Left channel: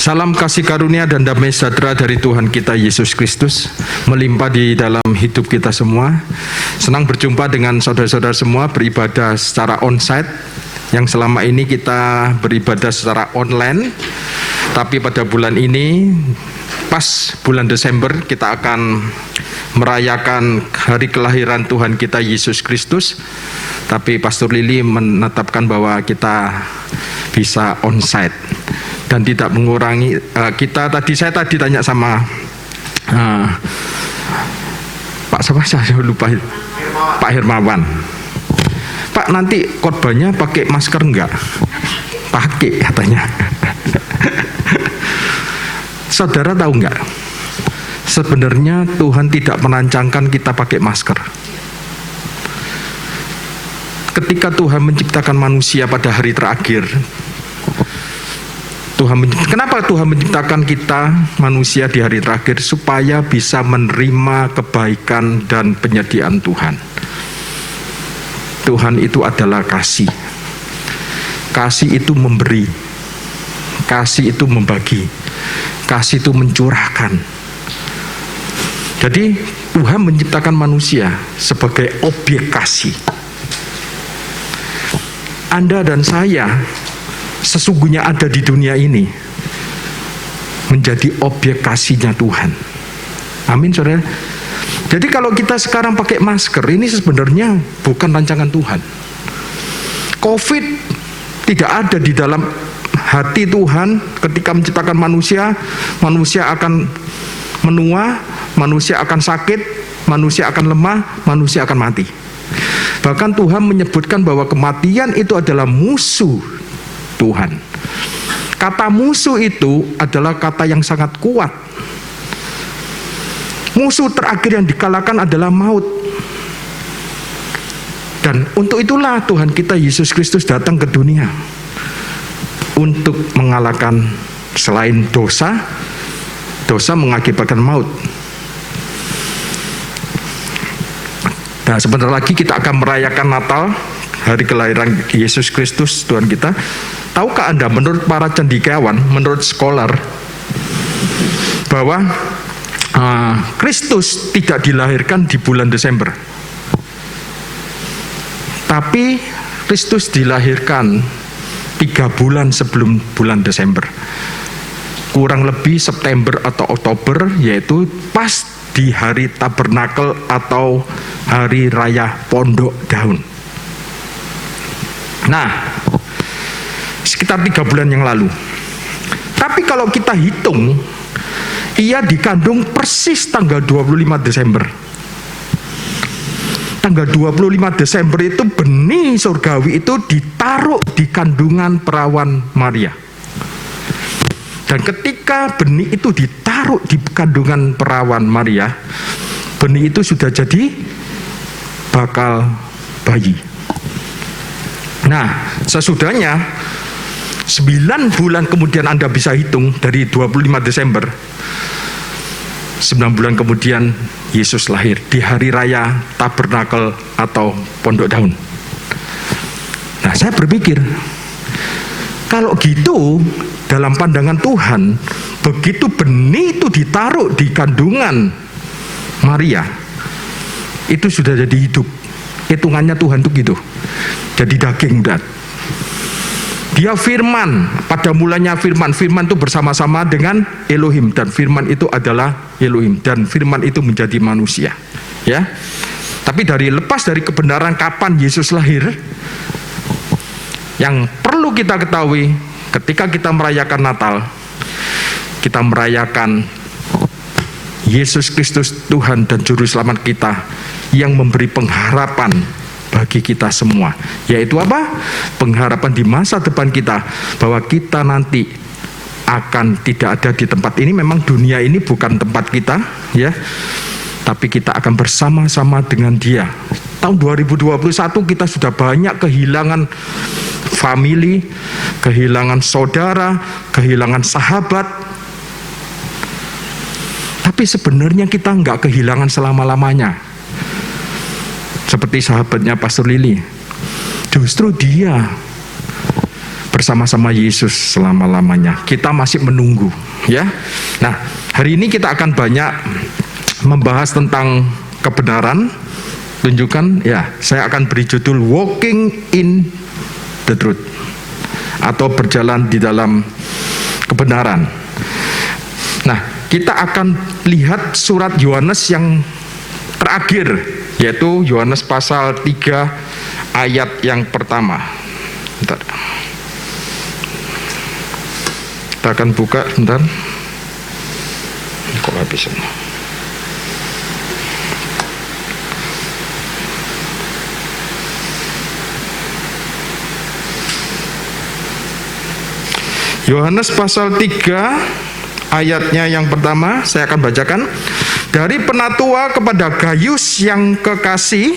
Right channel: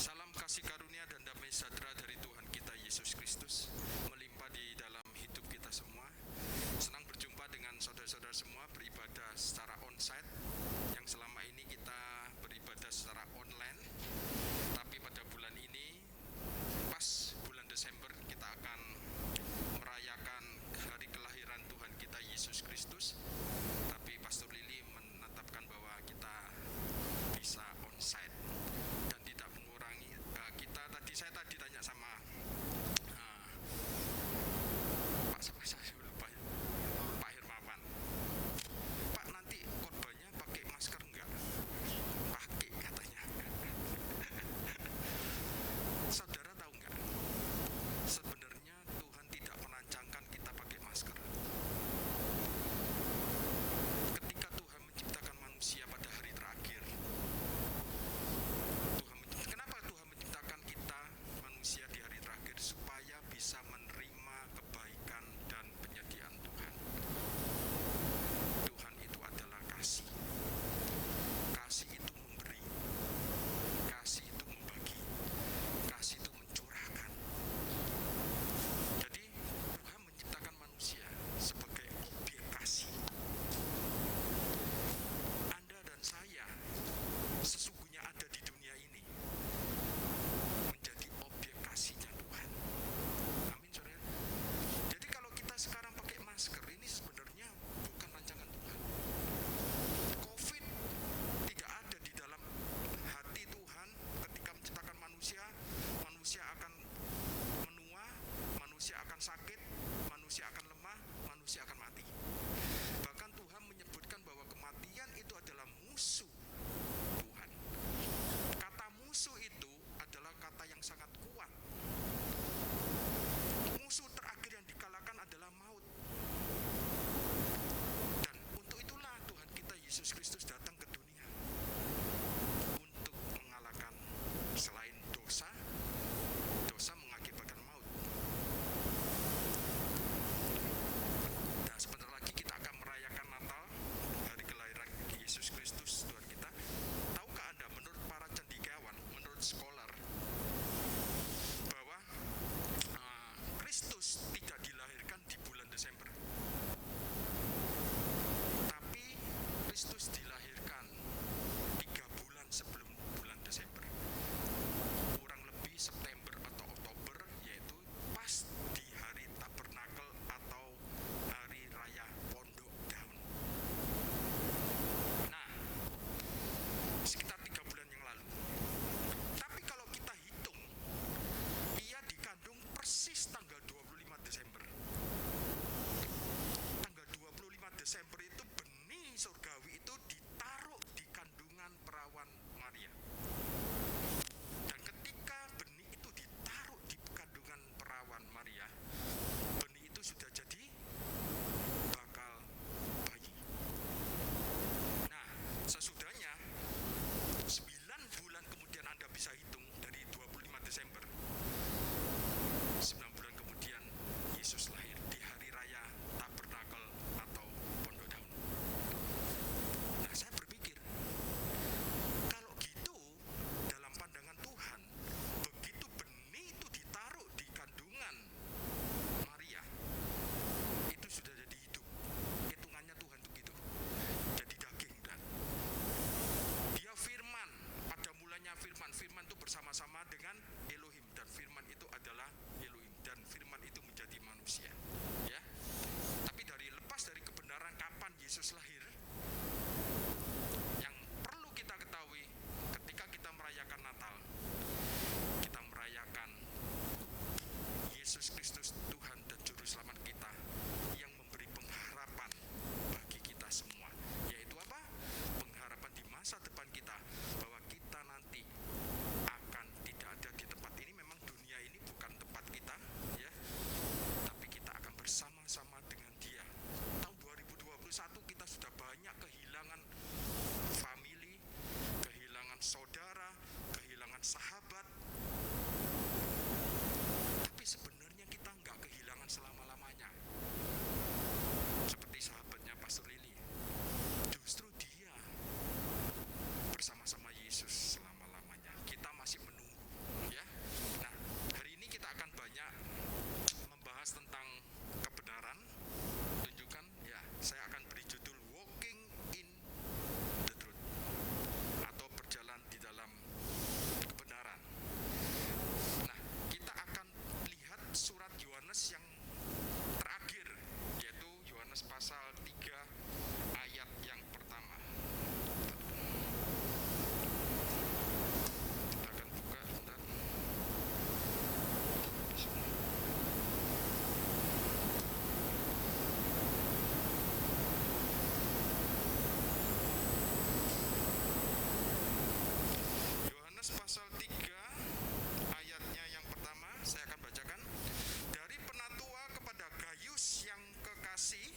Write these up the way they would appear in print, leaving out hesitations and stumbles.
Salam kasih karunia dan damai sejahtera dari Tuhan kita Yesus Kristus melimpah di dalam hidup kita semua. Senang berjumpa dengan saudara-saudara semua beribadah secara onsite, yang selama ini kita beribadah secara online. Tapi pada bulan ini, pas bulan Desember, kita akan merayakan hari kelahiran Tuhan kita Yesus Kristus. Tapi Pastor Lili menetapkan bahwa kita bisa onsite dan tidak mengurangi saya tadi tanya sama Pak siapa, saya lupa, Pak Hermawan. Pak, nanti khotbahnya pakai masker enggak? Pakai katanya. Saudara tahu enggak? Sebenarnya Tuhan tidak merancangkan kita pakai masker. Ketika Tuhan menciptakan manusia pada hari terakhir, kenapa Tuhan menciptakan kita manusia di hari terakhir? Supaya bisa menerima kebaikan dan penyediaan Tuhan. Tuhan itu adalah kasih. Kasih itu memberi. Kasih itu membagi. Kasih itu mencurahkan. Jadi Tuhan menciptakan manusia sebagai objek kasih. Anda dan saya sesungguhnya ada di dunia ini menjadi objek kasihnya Tuhan. Amin, saudara. Jadi kalau kita sekarang pakai masker, ini sebenarnya bukan rancangan Tuhan. COVID tidak ada di dalam hati Tuhan. Ketika menciptakan manusia, manusia akan menua, manusia akan sakit, manusia akan lemah, manusia akan mati. Bahkan Tuhan menyebutkan bahwa kematian itu adalah musuh Tuhan. Kata musuh itu adalah kata yang sangat kuat. Musuh terakhir yang dikalahkan adalah maut. Dan untuk itulah Tuhan kita Yesus Kristus datang ke dunia. Untuk mengalahkan selain dosa, dosa mengakibatkan maut. Nah, sebentar lagi kita akan merayakan Natal, hari kelahiran Yesus Kristus Tuhan kita. Tahukah Anda, menurut para cendekiawan, menurut scholar, bahwa Kristus tidak dilahirkan di bulan Desember, tapi Kristus dilahirkan 3 bulan sebelum bulan Desember, kurang lebih September atau Oktober, yaitu pas di hari Tabernakel atau hari raya Pondok Daun. Nah, sekitar 3 bulan yang lalu. Tapi kalau kita hitung, ia dikandung persis tanggal 25 Desember. Tanggal 25 Desember itu benih surgawi itu ditaruh di kandungan perawan Maria. Dan ketika benih itu ditaruh di kandungan perawan Maria, benih itu sudah jadi bakal bayi. Nah, sesudahnya 9 bulan kemudian Anda bisa hitung dari 25 Desember, 9 bulan kemudian Yesus lahir di hari raya Tabernakel atau Pondok Daun. Nah, saya berpikir, kalau gitu dalam pandangan Tuhan, begitu benih itu ditaruh di kandungan Maria, itu sudah jadi hidup. Hitungannya Tuhan itu gitu. Jadi daging dan dia firman, pada mulanya firman itu bersama-sama dengan Elohim, dan firman itu adalah Elohim, dan firman itu menjadi manusia. Ya. Tapi lepas dari kebenaran kapan Yesus lahir, yang perlu kita ketahui ketika kita merayakan Natal, kita merayakan Yesus Kristus Tuhan dan Juru Selamat kita yang memberi pengharapan bagi kita semua. Yaitu apa? Pengharapan di masa depan kita, bahwa kita nanti akan tidak ada di tempat ini. Memang dunia ini bukan tempat kita, ya. Tapi kita akan bersama-sama dengan Dia. Tahun 2021 kita sudah banyak kehilangan family, kehilangan saudara, kehilangan sahabat. Tapi sebenarnya kita nggak kehilangan selama-lamanya. Seperti sahabatnya Pastor Lili. Justru dia bersama-sama Yesus selama-lamanya. Kita masih menunggu, ya. Nah, hari ini kita akan banyak membahas tentang kebenaran. Tunjukkan, ya, saya akan beri judul Walking in the Truth, atau berjalan di dalam kebenaran. Nah, kita akan lihat surat Yohanes yang terakhir, yaitu Yohanes pasal 3 ayat yang pertama. Bentar. Kita akan buka, bentar. Kok habis ini? Yohanes pasal 3 ayatnya yang pertama, saya akan bacakan. Dari penatua kepada Gayus yang kekasih,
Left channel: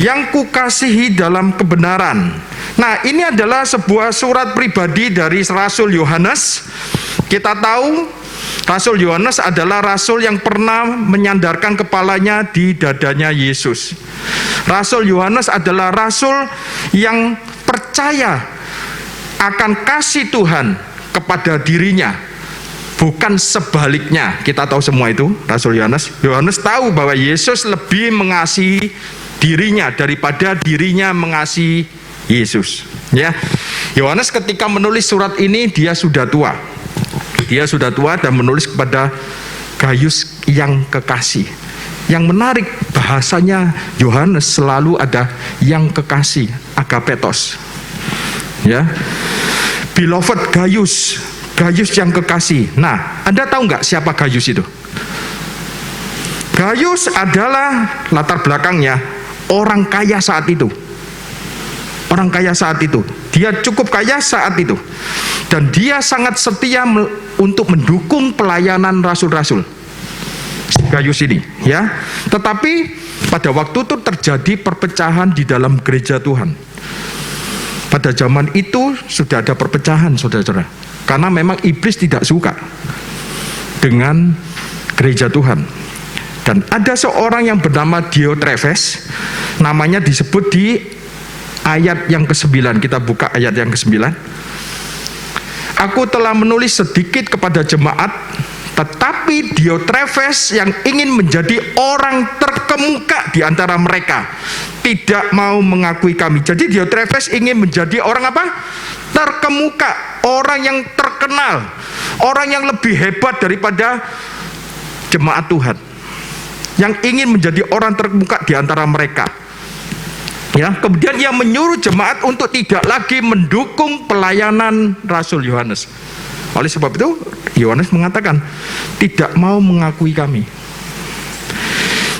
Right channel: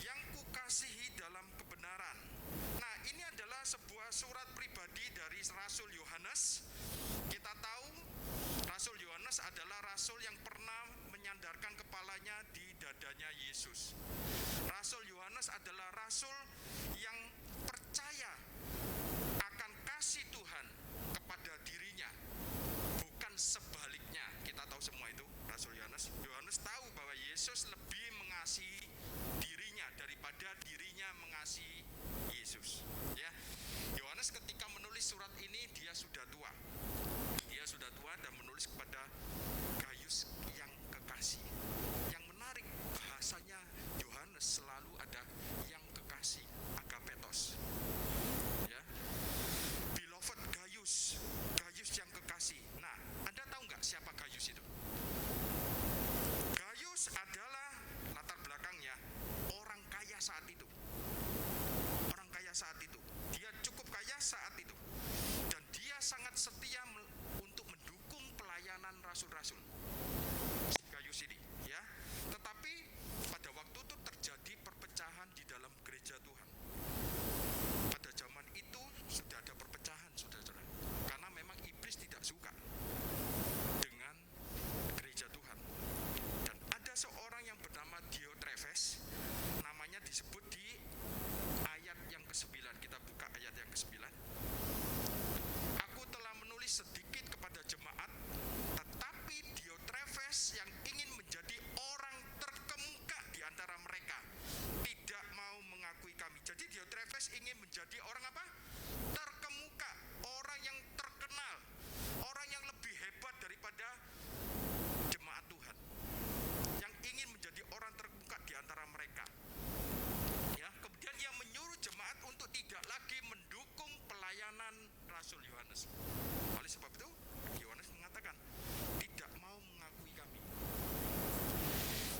yang kukasihi dalam kebenaran. Nah, ini adalah sebuah surat pribadi dari Rasul Yohanes. Kita tahu Rasul Yohanes adalah rasul yang pernah menyandarkan kepalanya di dadanya Yesus. Rasul Yohanes adalah rasul yang percaya akan kasih Tuhan kepada dirinya, bukan sebaliknya. Kita tahu semua itu. Rasul Yohanes tahu bahwa Yesus lebih mengasihi dirinya daripada dirinya mengasihi Yesus, ya. Yohanes ketika menulis surat ini dia sudah tua. Dia sudah tua dan menulis kepada Gayus yang kekasih. Yang menarik, bahasanya Yohanes selalu ada yang kekasih, agapetos. Ya, beloved Gayus, Gayus yang kekasih. Nah, Anda tahu nggak siapa Gayus itu? Gayus adalah latar belakangnya orang kaya saat itu. Orang kaya saat itu. Dia cukup kaya saat itu. Dan dia sangat setia untuk mendukung pelayanan rasul-rasul. Gayus ini, ya. Tetapi pada waktu itu terjadi perpecahan di dalam gereja Tuhan. Pada zaman itu sudah ada perpecahan, saudara-saudara. Karena memang iblis tidak suka dengan gereja Tuhan. Dan ada seorang yang bernama Diotrefes, namanya disebut di ayat yang ke-9. Kita buka ayat yang ke-9. Aku telah menulis sedikit kepada jemaat, tetapi Diotrefes yang ingin menjadi orang terkemuka di antara mereka tidak mau mengakui kami. Jadi Diotrefes ingin menjadi orang apa? Terkemuka, orang yang terkenal, orang yang lebih hebat daripada jemaat Tuhan, yang ingin menjadi orang terkemuka di antara mereka. Ya, kemudian ia menyuruh jemaat untuk tidak lagi mendukung pelayanan Rasul Yohanes. Oleh sebab itu, Yohanes mengatakan tidak mau mengakui kami.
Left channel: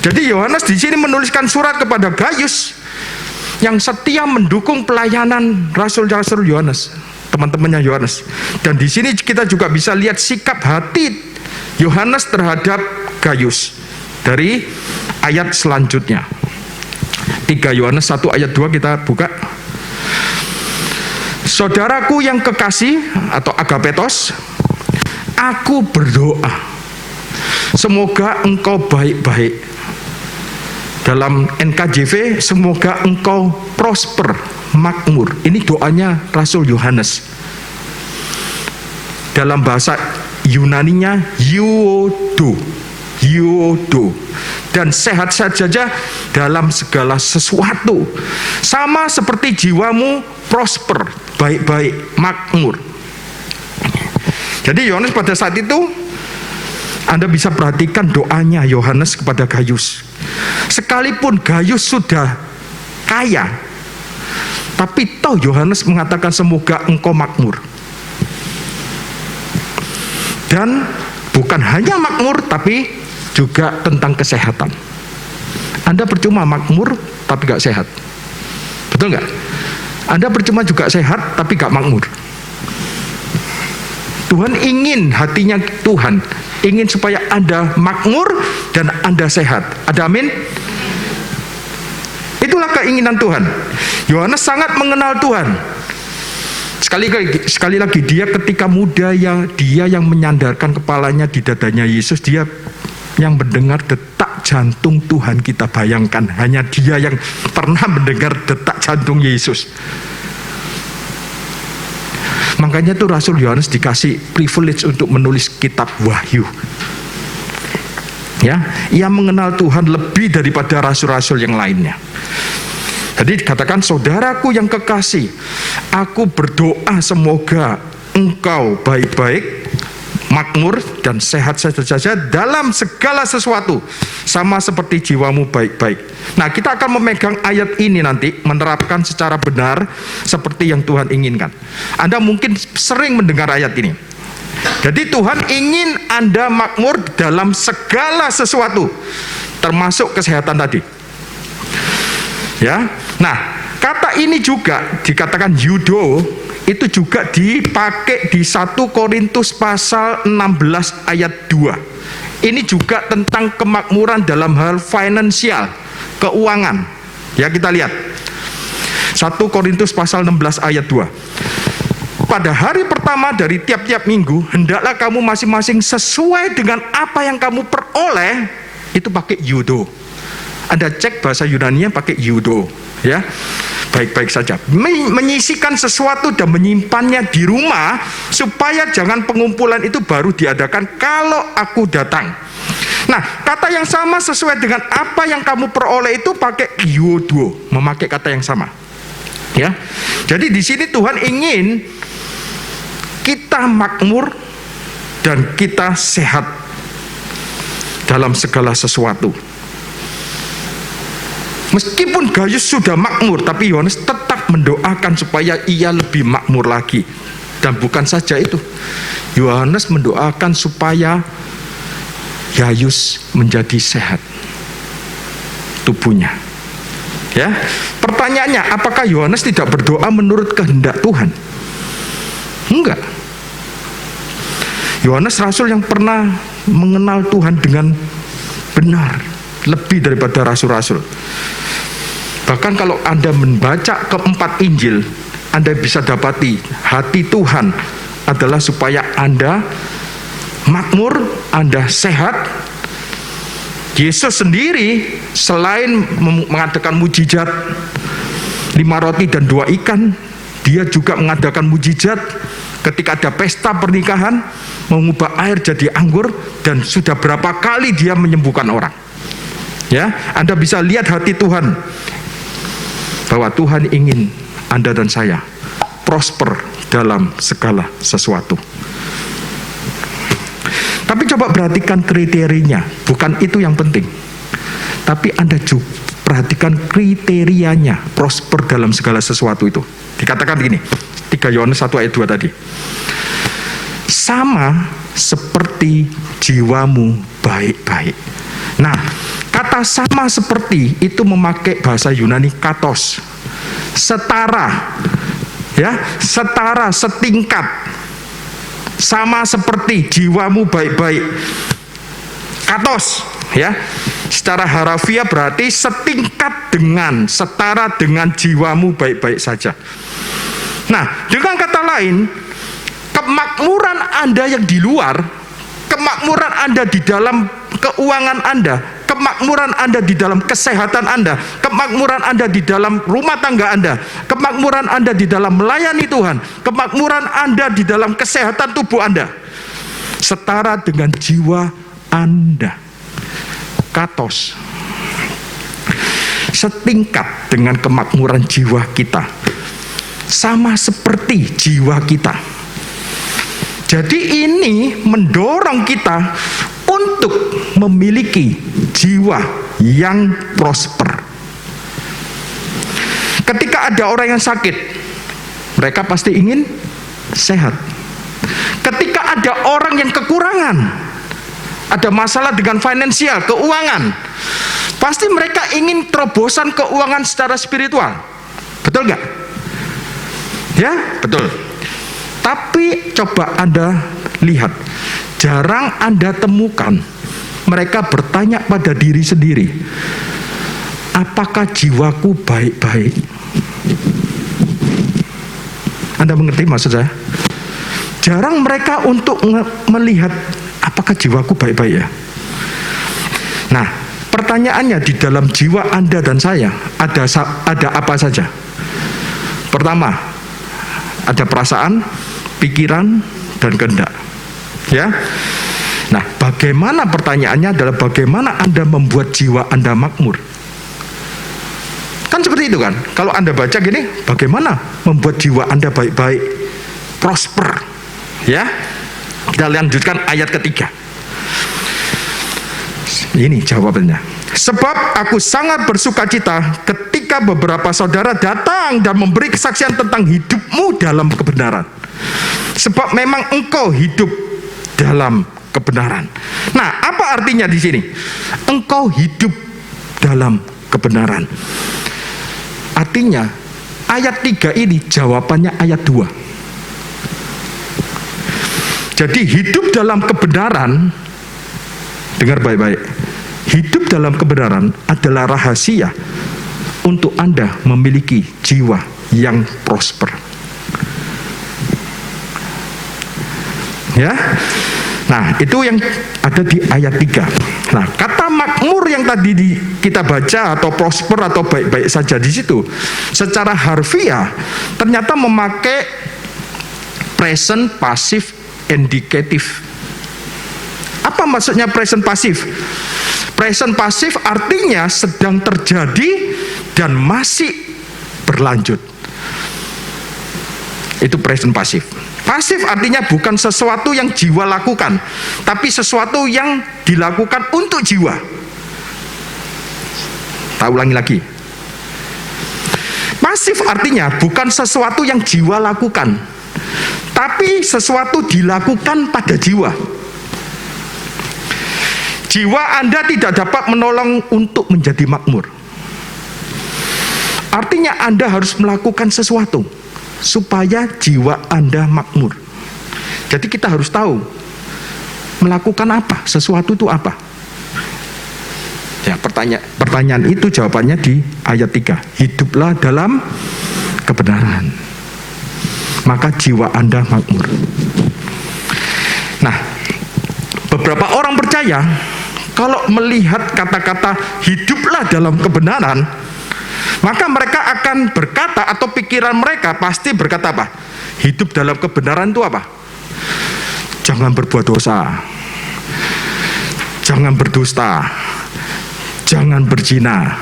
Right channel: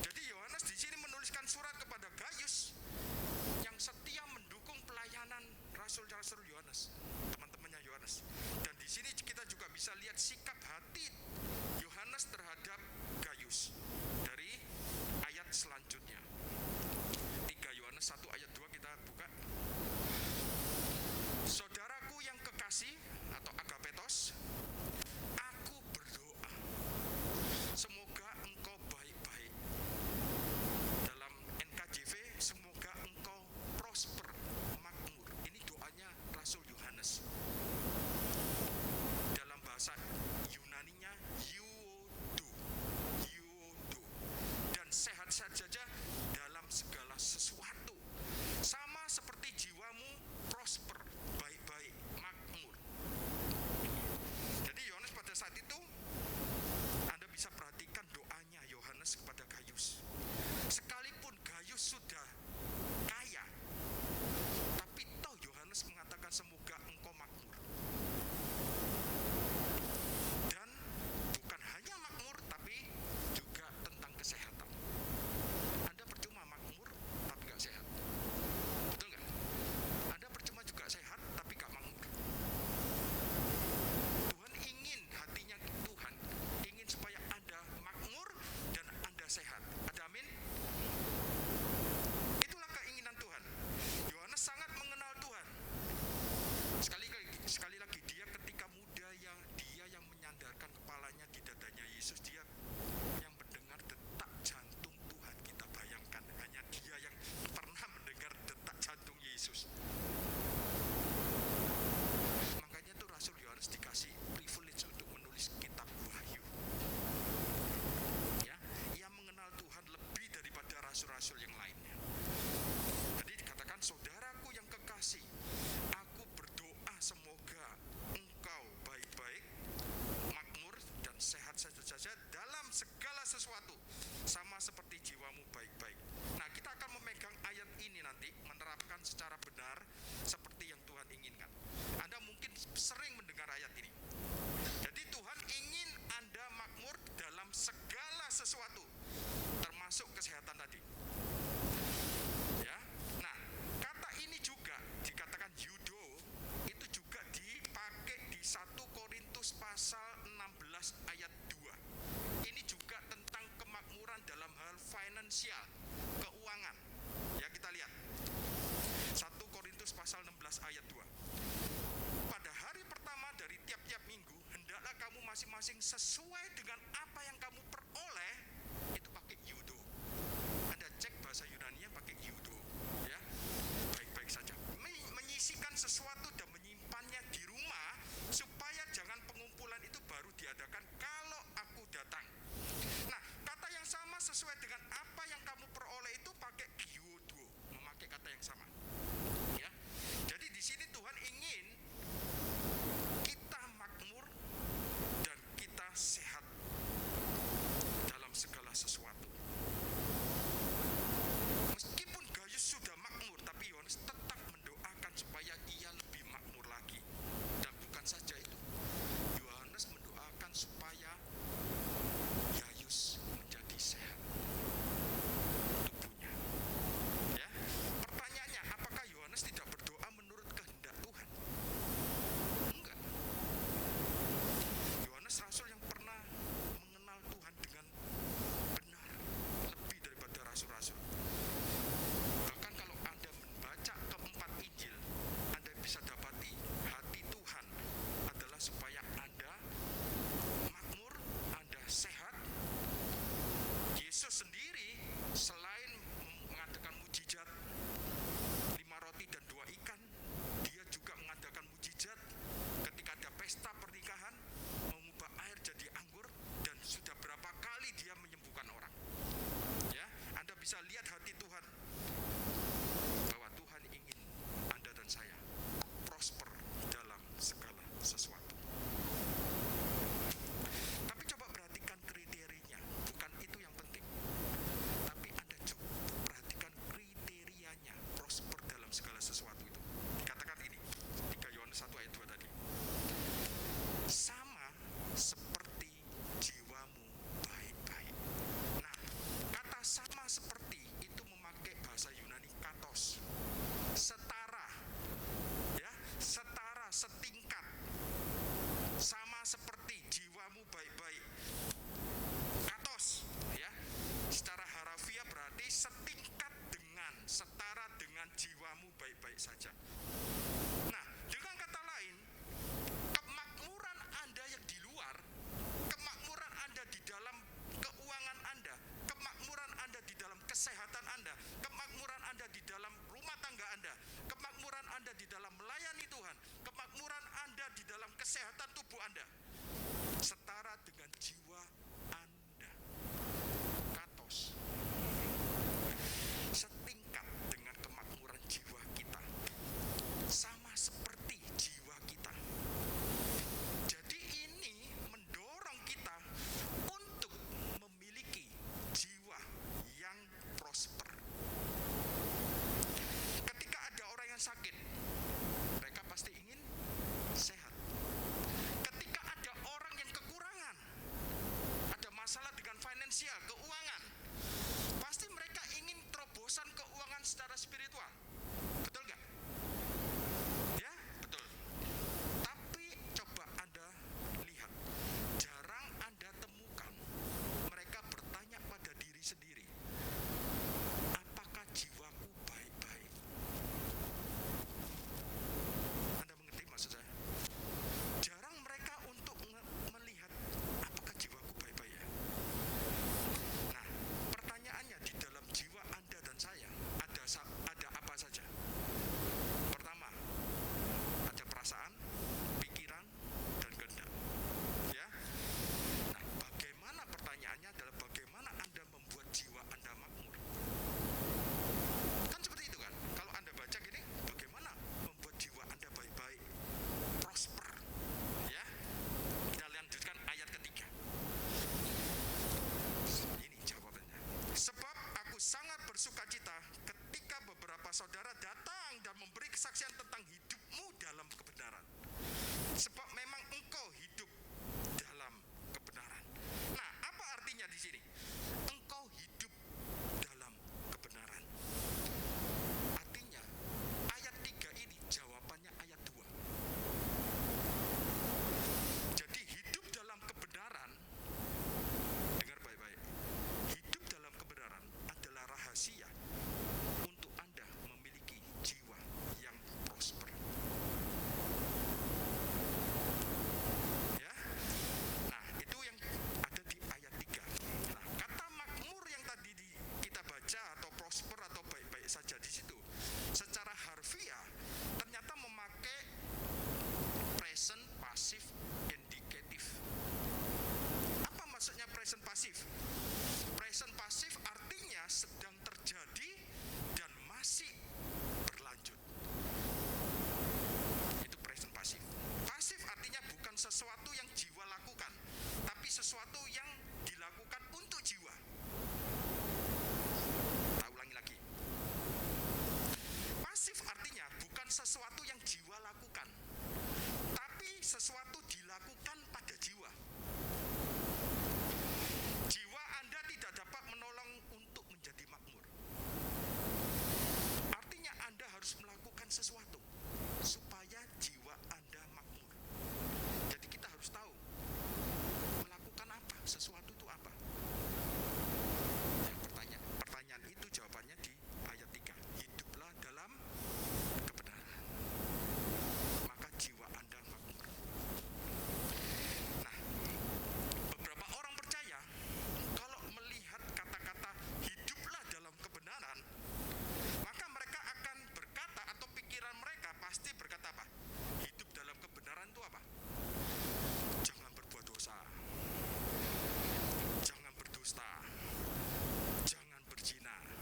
Jadi Yohanes di sini menuliskan surat kepada Gayus yang setia mendukung pelayanan rasul-rasul Yohanes, teman-temannya Yohanes. Dan di sini kita juga bisa lihat sikap hati Yohanes terhadap Gayus dari ayat selanjutnya. 3 Yohanes 1 ayat 2 kita buka. Saudaraku yang kekasih atau agapetos, aku berdoa semoga engkau baik-baik. Dalam NKJV, semoga engkau prosper, makmur. Ini doanya Rasul Yohanes. Dalam bahasa Yunaninya Euodo. Dan sehat-sehat saja dalam segala sesuatu. Sama seperti jiwamu prosper, baik-baik, makmur. Jadi Yohanes pada saat itu, Anda bisa perhatikan doanya Yohanes kepada Gayus. Sekalipun Gayus sudah kaya, tapi toh Yohanes mengatakan semoga engkau makmur. Dan bukan hanya makmur, tapi juga tentang kesehatan. Anda percuma makmur, tapi gak sehat. Betul gak? Anda percuma juga sehat, tapi gak makmur. Tuhan ingin, hatinya Tuhan ingin supaya Anda makmur dan Anda sehat. Ada amin? Itulah keinginan Tuhan. Yohanes sangat mengenal Tuhan. Sekali lagi dia ketika muda dia yang menyandarkan kepalanya di dadanya Yesus, dia yang mendengar detak jantung Tuhan. Kita bayangkan, hanya dia yang pernah mendengar detak jantung Yesus. Makanya tuh Rasul Yohanes dikasih privilege untuk menulis kitab Wahyu. Ya, ia mengenal Tuhan lebih daripada rasul-rasul yang lainnya. Jadi dikatakan, saudaraku yang kekasih, aku berdoa semoga engkau baik-baik, makmur dan sehat saja dalam segala sesuatu, sama seperti jiwamu baik-baik. Nah, kita akan memegang ayat ini nanti, menerapkan secara benar seperti yang Tuhan inginkan. Anda mungkin sering mendengar ayat ini. Jadi Tuhan ingin Anda makmur dalam segala sesuatu, termasuk kesehatan tadi. Ya, nah kata ini juga dikatakan yudo, itu juga dipakai di 1 Korintus pasal 16 ayat 2. Ini juga tentang kemakmuran dalam hal finansial, keuangan. Ya, kita lihat 1 Korintus pasal 16 ayat 2. Pada hari pertama dari tiap-tiap minggu, hendaklah kamu masing-masing sesuai dengan apa yang kamu peroleh, itu pakai yudo. Anda cek bahasa Yunani-nya pakai yudo, ya. Baik-baik saja. Menyisikan sesuatu dan menyimpannya di rumah, supaya jangan pengumpulan itu baru diadakan kalau aku datang. Nah, kata yang sama sesuai dengan apa yang kamu peroleh itu pakai yudo, memakai kata yang sama. Ya. Jadi di sini Tuhan ingin kita makmur dan kita sehat dalam segala sesuatu. Meskipun Gaius sudah makmur, tapi Yohanes tetap mendoakan supaya ia lebih makmur lagi. Dan bukan saja itu, Yohanes mendoakan supaya Gaius menjadi sehat tubuhnya. Ya, pertanyaannya, apakah Yohanes tidak berdoa menurut kehendak Tuhan? Enggak. Yohanes rasul yang pernah mengenal Tuhan dengan benar, lebih daripada rasul-rasul. Bahkan kalau Anda membaca keempat Injil, Anda bisa dapati hati Tuhan adalah supaya Anda makmur, Anda sehat. Yesus sendiri selain mengadakan mujizat 5 roti dan 2 ikan, dia juga mengadakan mujizat ketika ada pesta pernikahan, mengubah air jadi anggur, dan sudah berapa kali dia menyembuhkan orang. Ya, Anda bisa lihat hati Tuhan, bahwa Tuhan ingin Anda dan saya prosper dalam segala sesuatu. Tapi coba perhatikan kriterianya, bukan itu yang penting. Tapi Anda juga perhatikan kriterianya, prosper dalam segala sesuatu itu. Dikatakan begini, 3 Yohanes 1 ayat 2 tadi. Sama seperti jiwamu baik-baik. Nah, kata sama seperti itu memakai bahasa Yunani katos. Setara. Ya, setara, setingkat. Sama seperti jiwamu baik-baik. Katos, ya. Secara harafiah berarti setingkat dengan, setara dengan jiwamu baik-baik saja. Nah, dengan kata lain, kemakmuran Anda yang di luar, kemakmuran Anda di dalam keuangan Anda, kemakmuran Anda di dalam kesehatan Anda, kemakmuran Anda di dalam rumah tangga Anda, kemakmuran Anda di dalam melayani Tuhan, kemakmuran Anda di dalam kesehatan tubuh Anda, setara dengan jiwa Anda. Katos. Setingkat dengan kemakmuran jiwa kita. Sama seperti jiwa kita. Jadi ini mendorong kita untuk memiliki jiwa yang prosper. Ketika ada orang yang sakit, mereka pasti ingin sehat. Ketika ada orang yang kekurangan, ada masalah dengan finansial, keuangan, pasti mereka ingin terobosan keuangan secara spiritual. Betul nggak? Ya, betul. Tapi coba Anda lihat, jarang Anda temukan mereka bertanya pada diri sendiri, apakah jiwaku baik-baik? Anda mengerti maksud saya? Jarang mereka untuk melihat apakah jiwaku baik-baik ya. Nah, pertanyaannya, di dalam jiwa Anda dan saya ada apa saja? Pertama, ada perasaan, pikiran, dan kehendak. Ya. Nah, bagaimana pertanyaannya adalah bagaimana Anda membuat jiwa Anda makmur? Kan seperti itu kan? Kalau Anda baca gini, bagaimana membuat jiwa Anda baik-baik, prosper? Ya. Kita lanjutkan ayat ketiga. Ini jawabannya. Sebab aku sangat bersukacita ketika beberapa saudara datang dan memberi kesaksian tentang hidupmu dalam kebenaran. Sebab memang engkau hidup dalam kebenaran. Nah, apa artinya di sini? Engkau hidup dalam kebenaran. Artinya, ayat 3 ini jawabannya ayat 2. Jadi hidup dalam kebenaran, dengar baik-baik, hidup dalam kebenaran adalah rahasia untuk Anda memiliki jiwa yang prosper. Ya. Nah, itu yang ada di ayat 3. Nah, kata makmur yang tadi kita baca atau prosper atau baik-baik saja di situ, secara harfiah ternyata memakai present passive indicative. Apa maksudnya present passive? Present passive artinya sedang terjadi dan masih berlanjut. Itu present passive. Pasif artinya bukan sesuatu yang jiwa lakukan, tapi sesuatu yang dilakukan untuk jiwa. Tak ulangi lagi. Pasif artinya bukan sesuatu yang jiwa lakukan, tapi sesuatu dilakukan pada jiwa. Jiwa Anda tidak dapat menolong untuk menjadi makmur. Artinya Anda harus melakukan sesuatu supaya jiwa Anda makmur. Jadi kita harus tahu melakukan apa, sesuatu itu apa. Ya, pertanyaan itu jawabannya di ayat 3. Hiduplah dalam kebenaran, maka jiwa Anda makmur. Nah, beberapa orang percaya kalau melihat kata-kata hiduplah dalam kebenaran, maka mereka akan berkata atau pikiran mereka pasti berkata apa? Hidup dalam kebenaran itu apa? Jangan berbuat dosa, jangan berdusta, jangan berzina,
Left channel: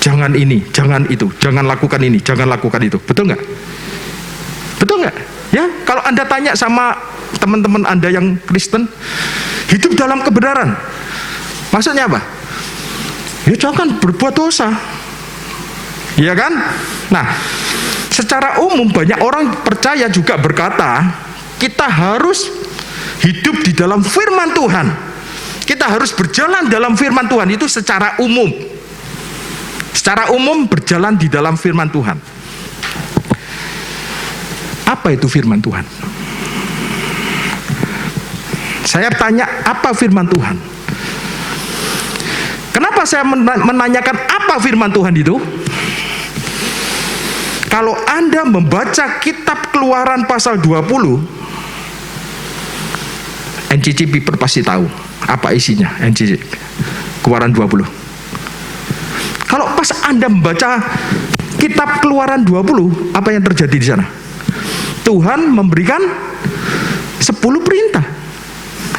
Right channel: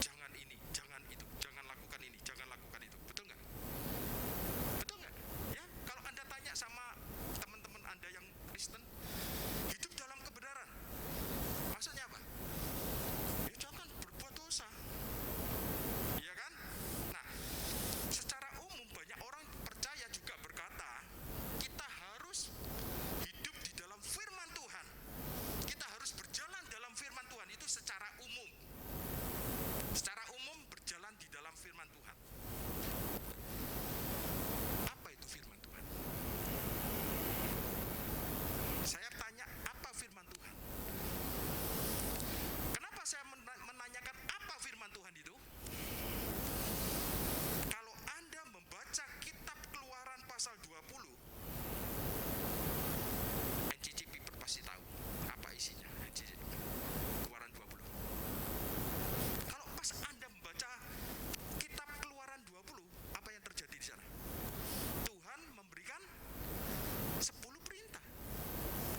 jangan ini, jangan itu, jangan lakukan ini, jangan lakukan itu. Betul nggak? Betul nggak? Ya, kalau Anda tanya sama teman-teman Anda yang Kristen, hidup dalam kebenaran, maksudnya apa? Ya jangan berbuat dosa. Iya kan? Nah, secara umum banyak orang percaya juga berkata, kita harus hidup di dalam firman Tuhan. Kita harus berjalan dalam firman Tuhan, itu secara umum. Secara umum berjalan di dalam firman Tuhan. Apa itu firman Tuhan? Saya tanya, apa firman Tuhan? Kenapa saya menanyakan apa firman Tuhan itu? Kalau Anda membaca kitab Keluaran pasal 20, NCC Piper pasti tahu apa isinya. NCC Keluaran 20. Kalau pas Anda membaca kitab Keluaran 20, apa yang terjadi di sana? Tuhan memberikan 10 perintah.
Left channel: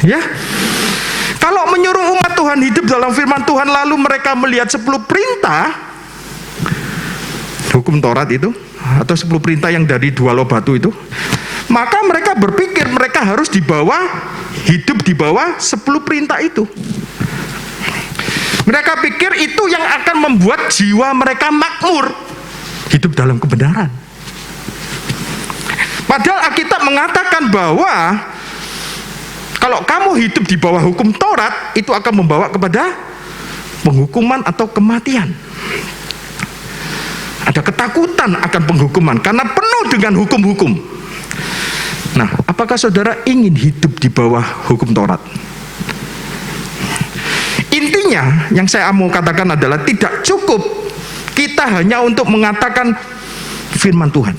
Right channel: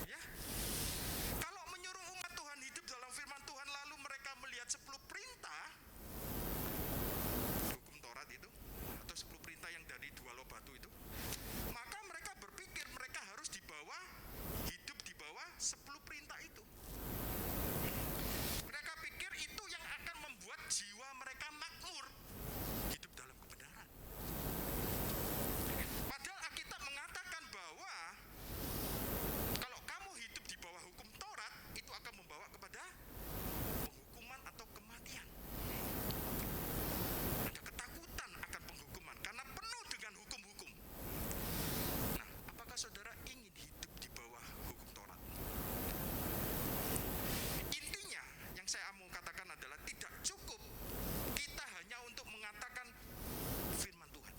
Ya. Kalau menyuruh umat Tuhan hidup dalam firman Tuhan lalu mereka melihat 10 perintah hukum Taurat itu, atau 10 perintah yang dari 2 loh batu itu, maka mereka berpikir mereka harus hidup di bawah 10 perintah itu. Mereka pikir itu yang akan membuat jiwa mereka makmur, hidup dalam kebenaran. Padahal Alkitab mengatakan bahwa kalau kamu hidup di bawah hukum Taurat, itu akan membawa kepada penghukuman atau kematian. Ada ketakutan akan penghukuman karena penuh dengan hukum-hukum. Nah, apakah saudara ingin hidup di bawah hukum Taurat? Intinya yang saya mau katakan adalah tidak cukup kita hanya untuk mengatakan firman Tuhan.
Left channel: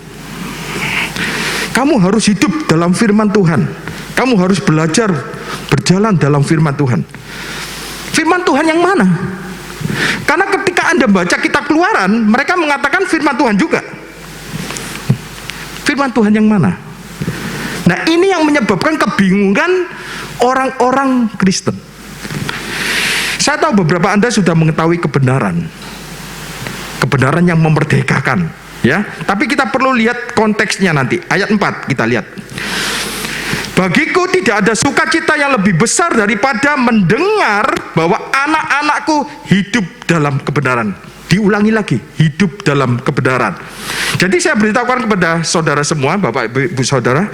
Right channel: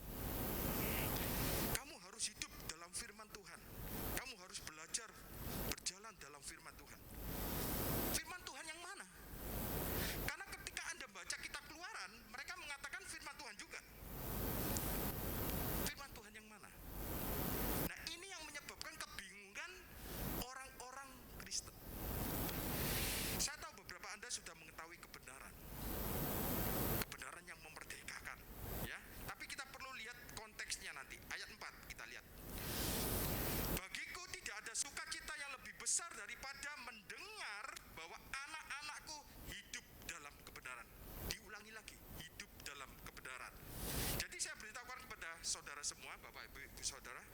Kamu harus hidup dalam firman Tuhan. Kamu harus belajar berjalan dalam firman Tuhan. Firman Tuhan yang mana? Karena ketika Anda baca kitab Keluaran, mereka mengatakan firman Tuhan juga. Firman Tuhan yang mana? Nah, ini yang menyebabkan kebingungan orang-orang Kristen. Saya tahu beberapa Anda sudah mengetahui kebenaran yang memerdekakan, ya. Tapi kita perlu lihat konteksnya nanti. Ayat 4 kita lihat. Bagiku tidak ada sukacita yang lebih besar daripada mendengar bahwa anak-anakku hidup dalam kebenaran. Diulangi lagi, hidup dalam kebenaran. Jadi saya beritahukan kepada saudara semua, Bapak Ibu Saudara,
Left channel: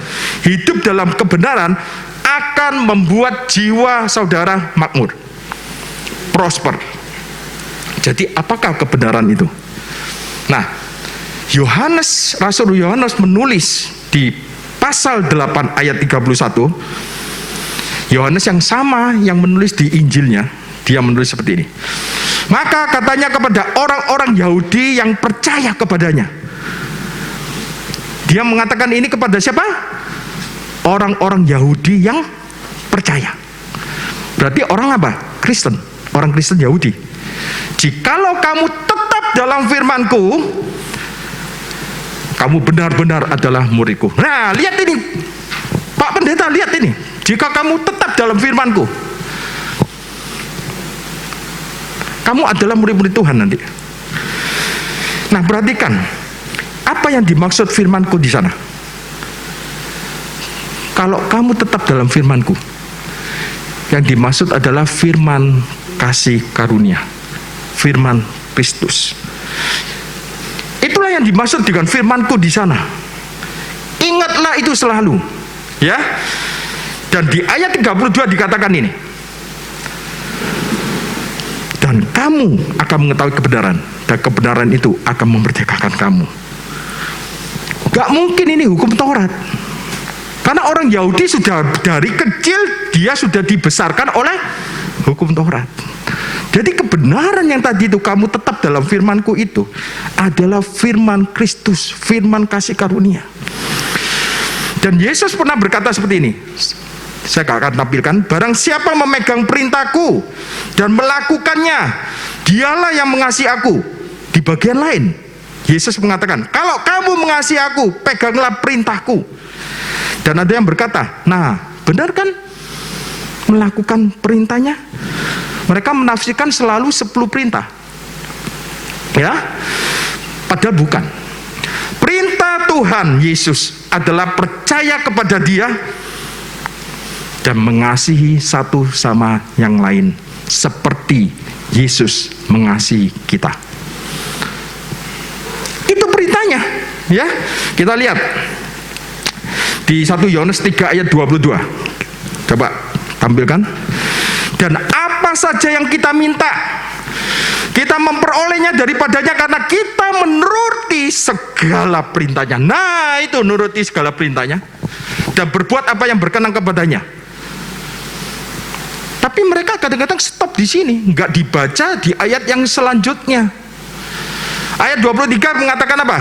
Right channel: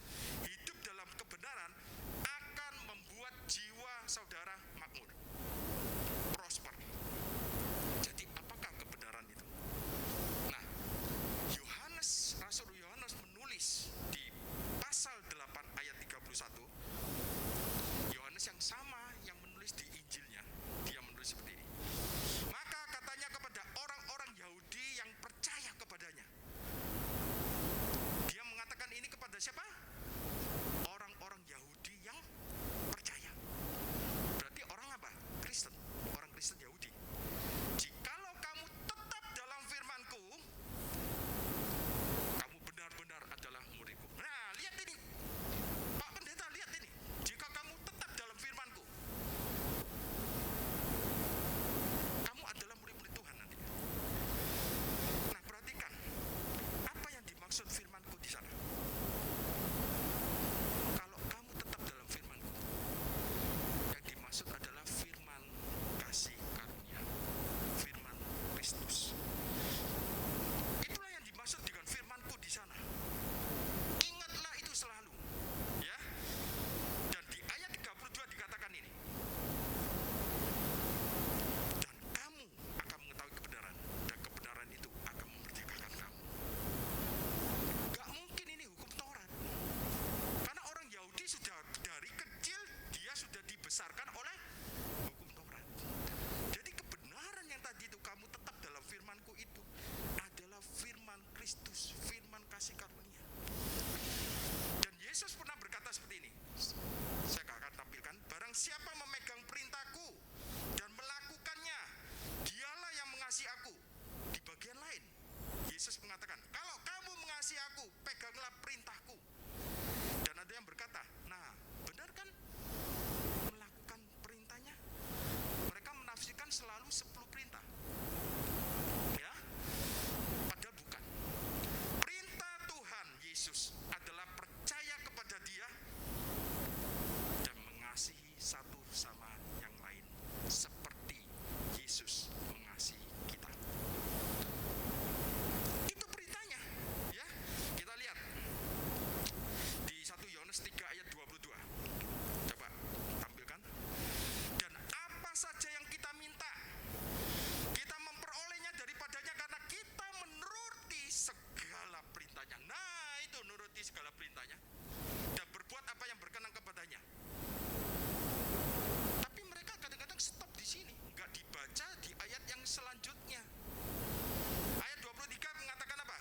hidup dalam kebenaran akan membuat jiwa saudara makmur, prosper. Jadi apakah kebenaran itu? Nah, Rasul Yohanes menulis di pasal 8 ayat 31, Yohanes yang sama yang menulis di Injilnya, dia menulis seperti ini. Maka katanya kepada orang-orang Yahudi yang percaya kepadanya. Dia mengatakan ini kepada siapa? Orang-orang Yahudi yang percaya. Berarti orang apa? Kristen. Orang Kristen Yahudi. Jikalau kamu tetap dalam firman-Ku, kamu benar-benar adalah murid-Ku. Nah, lihat ini. Pak Pendeta, lihat ini. Jika kamu tetap dalam firman-Ku, kamu adalah murid-murid Tuhan nanti. Nah, perhatikan apa yang dimaksud firman-Ku di sana. Kalau kamu tetap dalam firman-Ku, yang dimaksud adalah firman kasih karunia, firman Kristus. Itulah yang dimaksud dengan firman-Ku di sana. Ingatlah itu selalu, ya. Dan di ayat 32 dikatakan ini. Dan kamu akan mengetahui kebenaran, dan kebenaran itu akan memerdekakan kamu. Gak mungkin ini hukum Taurat. Karena orang Yahudi sudah dari kecil, dia sudah dibesarkan oleh hukum Taurat. Jadi kebenaran yang tadi itu, kamu tetap dalam firman-Ku itu, adalah firman Kristus, firman kasih karunia. Dan Yesus pernah berkata seperti ini. Saya akan tampilkan, barang siapa memegang perintahku dan melakukannya, dialah yang mengasihi aku. Di bagian lain, Yesus mengatakan, kalau kamu mengasihi aku, peganglah perintahku. Dan ada yang berkata, nah, benar kan melakukan perintahnya? Mereka menafsirkan selalu 10 perintah. Ya, padahal bukan. Perintah Tuhan Yesus adalah percaya kepada Dia dan mengasihi satu sama yang lain seperti Yesus mengasihi kita. Itu perintahnya, ya. Kita lihat di 1 Yohanes 3 ayat 22. Coba tampilkan. Dan apa saja yang kita minta, kita memperolehnya daripadanya karena kita menuruti segala perintahnya. Nah, itu nuruti segala perintahnya dan berbuat apa yang berkenan kepadanya. Tapi mereka kadang-kadang stop di sini, nggak dibaca di ayat yang selanjutnya. Ayat 23 mengatakan apa?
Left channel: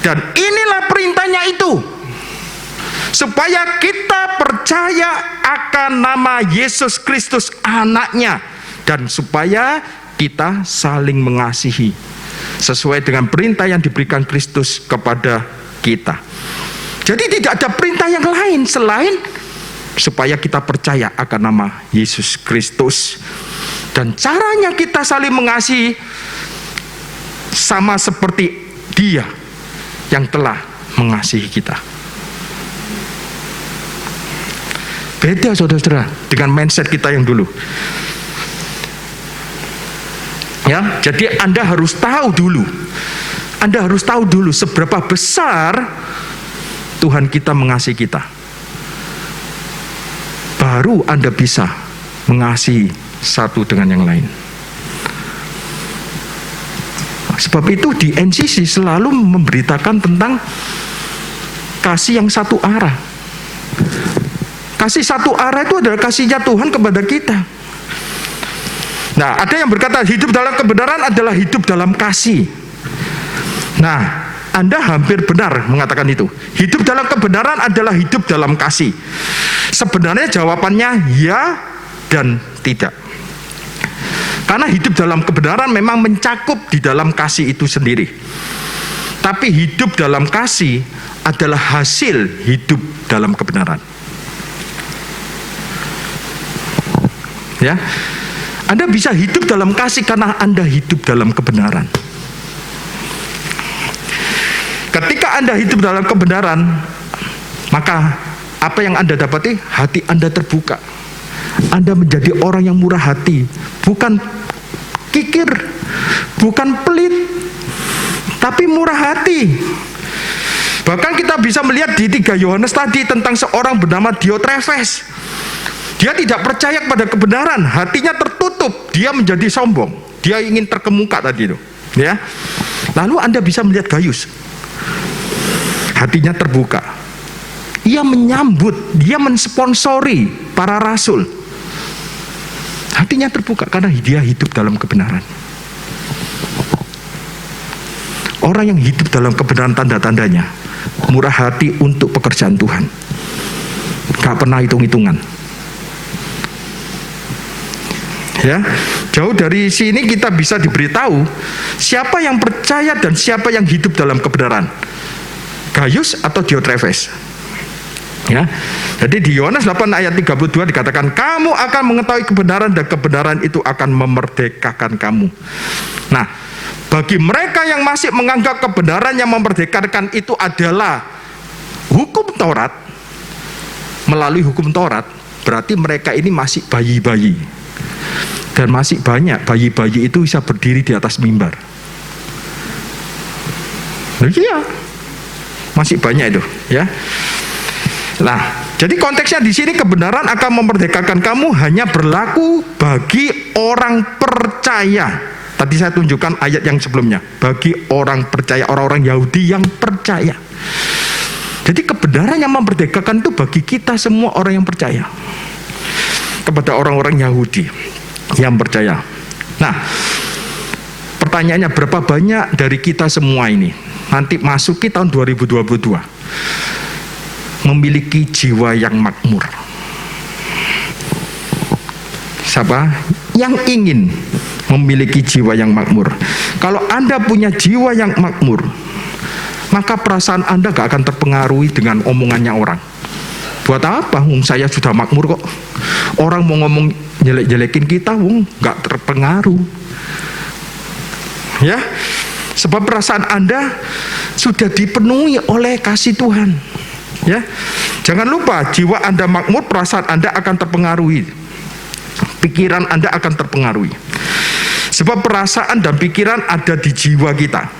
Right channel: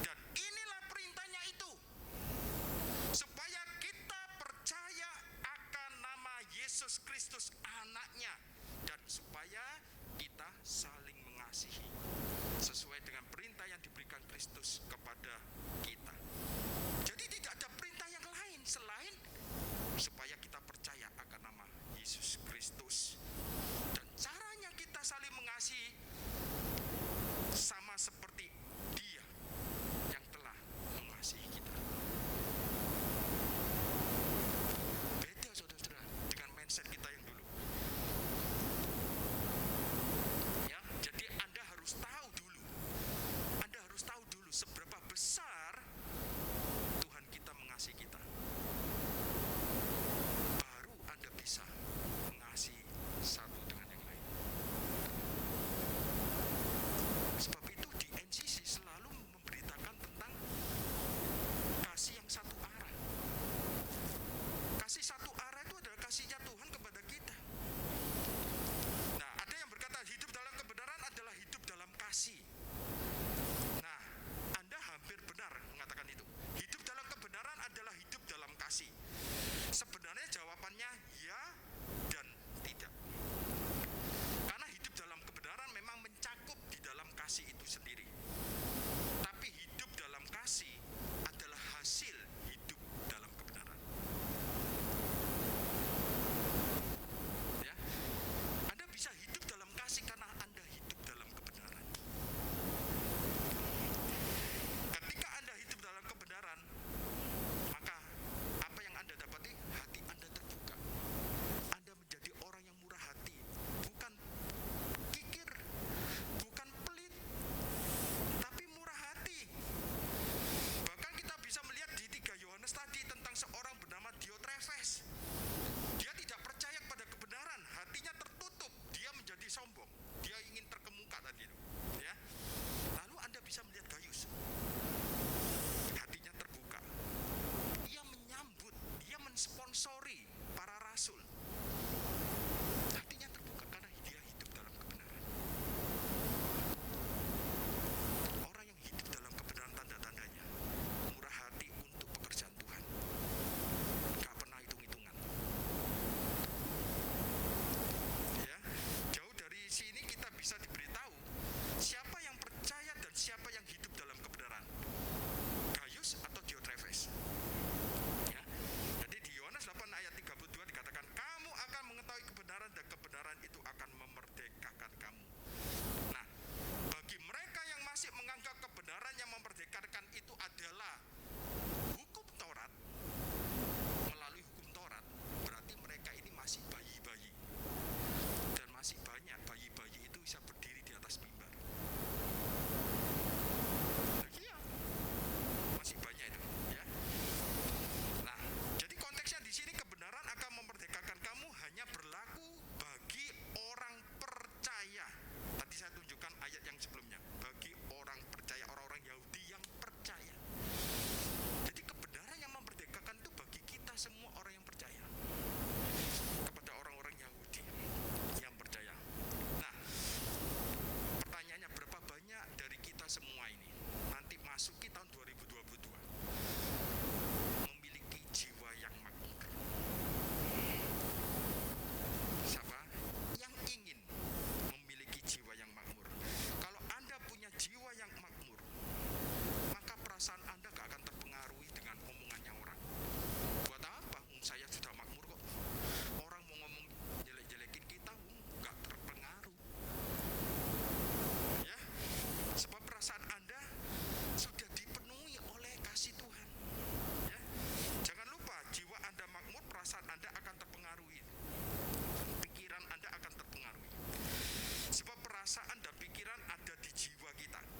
Dan inilah perintahnya itu, supaya kita percaya akan nama Yesus Kristus anaknya, dan supaya kita saling mengasihi sesuai dengan perintah yang diberikan Kristus kepada kita. Jadi tidak ada perintah yang lain selain supaya kita percaya akan nama Yesus Kristus. Dan caranya kita saling mengasihi sama seperti Dia yang telah mengasihi kita. Beda saudara-saudara dengan mindset kita yang dulu. Ya, jadi Anda harus tahu dulu. Anda harus tahu dulu seberapa besar Tuhan kita mengasihi kita. Baru Anda bisa mengasihi satu dengan yang lain. Sebab itu di NCC selalu memberitakan tentang kasih yang satu arah. Kasih satu arah itu adalah kasihnya Tuhan kepada kita. Nah, ada yang berkata hidup dalam kebenaran adalah hidup dalam kasih. Nah, Anda hampir benar mengatakan itu. Hidup dalam kebenaran adalah hidup dalam kasih. Sebenarnya jawabannya ya dan tidak. Karena hidup dalam kebenaran memang mencakup di dalam kasih itu sendiri. Tapi hidup dalam kasih adalah hasil hidup dalam kebenaran. Ya, Anda bisa hidup dalam kasih karena Anda hidup dalam kebenaran. Ketika Anda hidup dalam kebenaran, maka apa yang Anda dapati? Hati Anda terbuka. Anda menjadi orang yang murah hati, bukan kikir, bukan pelit, tapi murah hati. Bahkan kita bisa melihat di 3 Yohanes tadi tentang seorang bernama Diotrefes. Dia tidak percaya kepada kebenaran, hatinya tertutup, dia menjadi sombong, dia ingin terkemuka tadi itu. Ya. Lalu Anda bisa melihat Gayus, hatinya terbuka. Ia menyambut, dia mensponsori para rasul. Hatinya terbuka karena dia hidup dalam kebenaran. Orang yang hidup dalam kebenaran tanda-tandanya murah hati untuk pekerjaan Tuhan. Gak pernah hitung-hitungan. Ya, jauh dari sini kita bisa diberitahu siapa yang percaya dan siapa yang hidup dalam kebenaran. Gayus atau Diotrefes. Ya. Jadi di Yohanes 8 ayat 32 dikatakan, kamu akan mengetahui kebenaran dan kebenaran itu akan memerdekakan kamu. Nah, bagi mereka yang masih menganggap kebenaran yang memerdekakan itu adalah hukum Taurat, melalui hukum Taurat, berarti mereka ini masih bayi-bayi. Dan masih banyak bayi-bayi itu bisa berdiri di atas mimbar. Iya, masih banyak itu, ya. Nah, jadi konteksnya di sini kebenaran akan memerdekakan kamu hanya berlaku bagi orang percaya. Tadi saya tunjukkan ayat yang sebelumnya, bagi orang percaya, orang-orang Yahudi yang percaya. Jadi kebenaran yang memerdekakan itu bagi kita semua orang yang percaya. Kepada orang-orang Yahudi yang percaya. Nah, pertanyaannya berapa banyak dari kita semua ini nanti masuki tahun 2022 memiliki jiwa yang makmur? Siapa yang ingin memiliki jiwa yang makmur? Kalau Anda punya jiwa yang makmur, maka perasaan Anda gak akan terpengaruhi dengan omongannya orang. Buat apa? Saya sudah makmur kok. Orang mau ngomong jelek-jelekin kita, gak terpengaruh. Ya, sebab perasaan Anda sudah dipenuhi oleh kasih Tuhan. Ya, jangan lupa jiwa Anda makmur, perasaan Anda akan terpengaruhi, pikiran Anda akan terpengaruhi. Sebab perasaan dan pikiran ada di jiwa kita.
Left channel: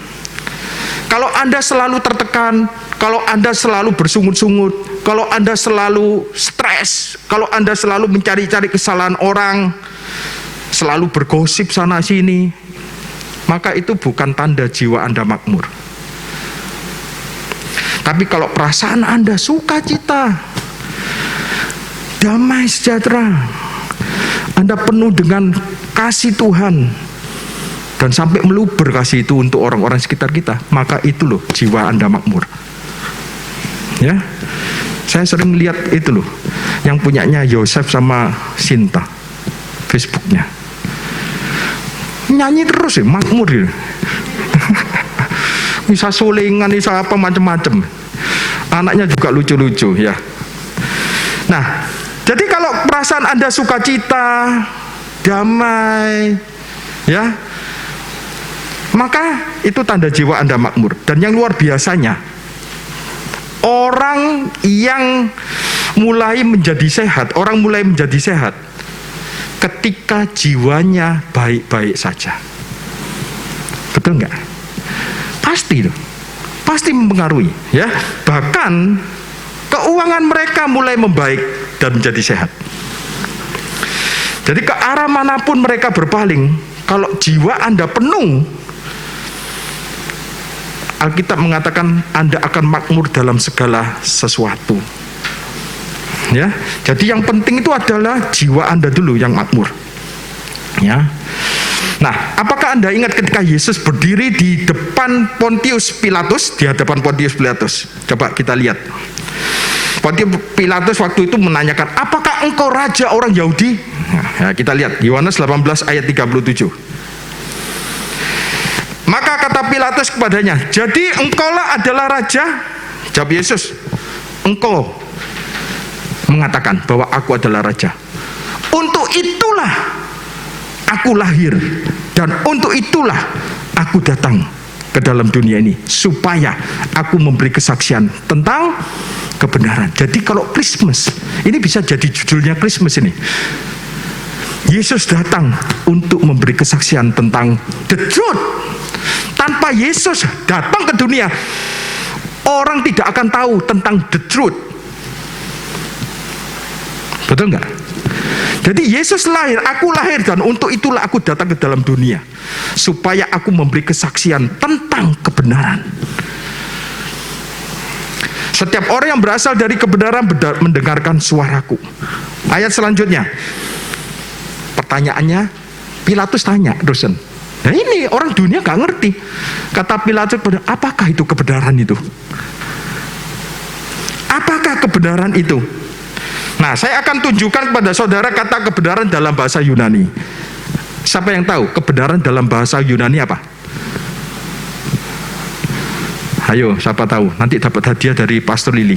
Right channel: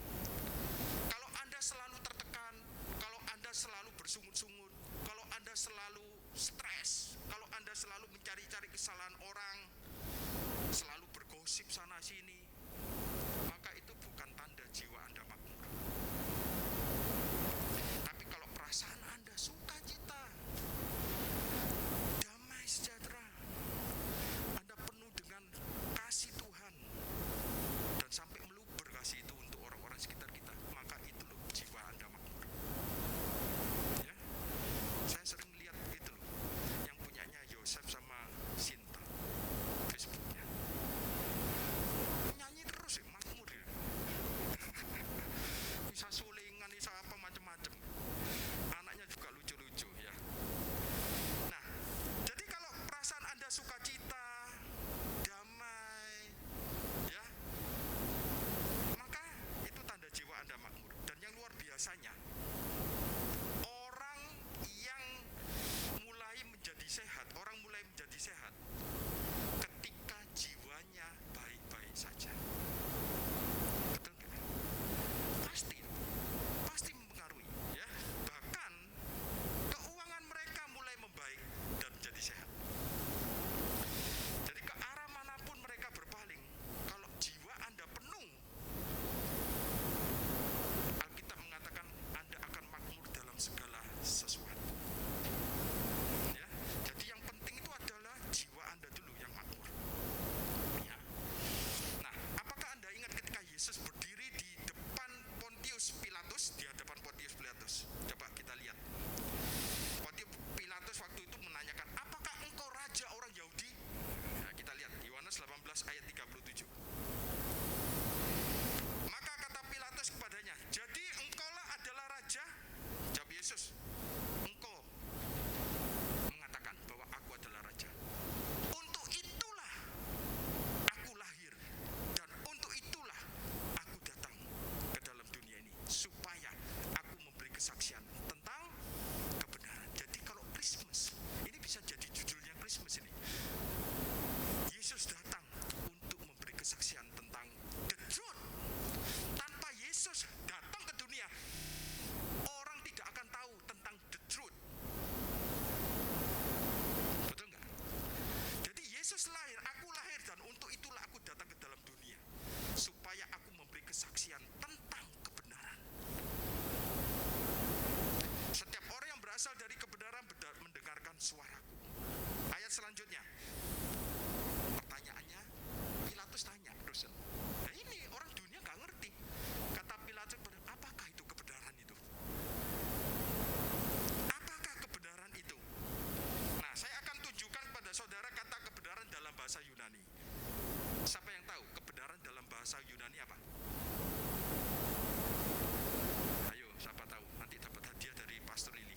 Kalau Anda selalu tertekan, kalau Anda selalu bersungut-sungut, kalau Anda selalu stres, kalau Anda selalu mencari-cari kesalahan orang, selalu bergosip sana sini, maka itu bukan tanda jiwa Anda makmur. Tapi kalau perasaan Anda sukacita, damai sejahtera, Anda penuh dengan kasih Tuhan, dan sampai meluber kasih itu untuk orang-orang sekitar kita, maka itu loh jiwa Anda makmur. Ya, saya sering lihat itu loh, yang punyanya Yosef sama Sinta, Facebooknya, nyanyi terus ya, makmur ya. Bisa sulingan, bisa apa macam-macam. Anaknya juga lucu-lucu ya. Nah, jadi kalau perasaan Anda sukacita, damai, ya, maka itu tanda jiwa Anda makmur. Dan yang luar biasanya, orang yang mulai menjadi sehat, orang mulai menjadi sehat ketika jiwanya baik-baik saja. Betul nggak? Pasti loh, pasti mempengaruhi, ya. Bahkan keuangan mereka mulai membaik dan menjadi sehat. Jadi ke arah manapun mereka berpaling, kalau jiwa Anda penuh, Alkitab mengatakan Anda akan makmur dalam segala sesuatu. Ya, jadi yang penting itu adalah jiwa Anda dulu yang makmur. Ya. Nah, apakah Anda ingat ketika Yesus berdiri di depan Pontius Pilatus, di hadapan Pontius Pilatus? Coba kita lihat. Pontius Pilatus waktu itu menanyakan, apakah engkau raja orang Yahudi? Nah, kita lihat Yohanes 18 ayat 37. Maka kata Pilatus kepadanya, jadi engkaulah adalah raja? Jawab Yesus, engkau mengatakan bahwa aku adalah raja. Untuk itulah aku lahir, dan untuk itulah aku datang ke dalam dunia ini, supaya aku memberi kesaksian tentang kebenaran. Jadi kalau Christmas, ini bisa jadi judulnya Christmas ini. Yesus datang untuk memberi kesaksian tentang the truth. Tanpa Yesus datang ke dunia, orang tidak akan tahu tentang the truth. Betul nggak? Jadi Yesus lahir, aku lahir, dan untuk itulah aku datang ke dalam dunia, supaya aku memberi kesaksian tentang kebenaran. Setiap orang yang berasal dari kebenaran mendengarkan suaraku. Ayat selanjutnya, pertanyaannya, Pilatus tanya, dosen. Nah ini orang dunia gak ngerti. Kata Pilatus, apakah itu kebenaran itu? Apakah kebenaran itu? Nah, saya akan tunjukkan kepada saudara kata kebenaran dalam bahasa Yunani. Siapa yang tahu kebenaran dalam bahasa Yunani apa? Ayo, siapa tahu? Nanti dapat hadiah dari Pastor Lili.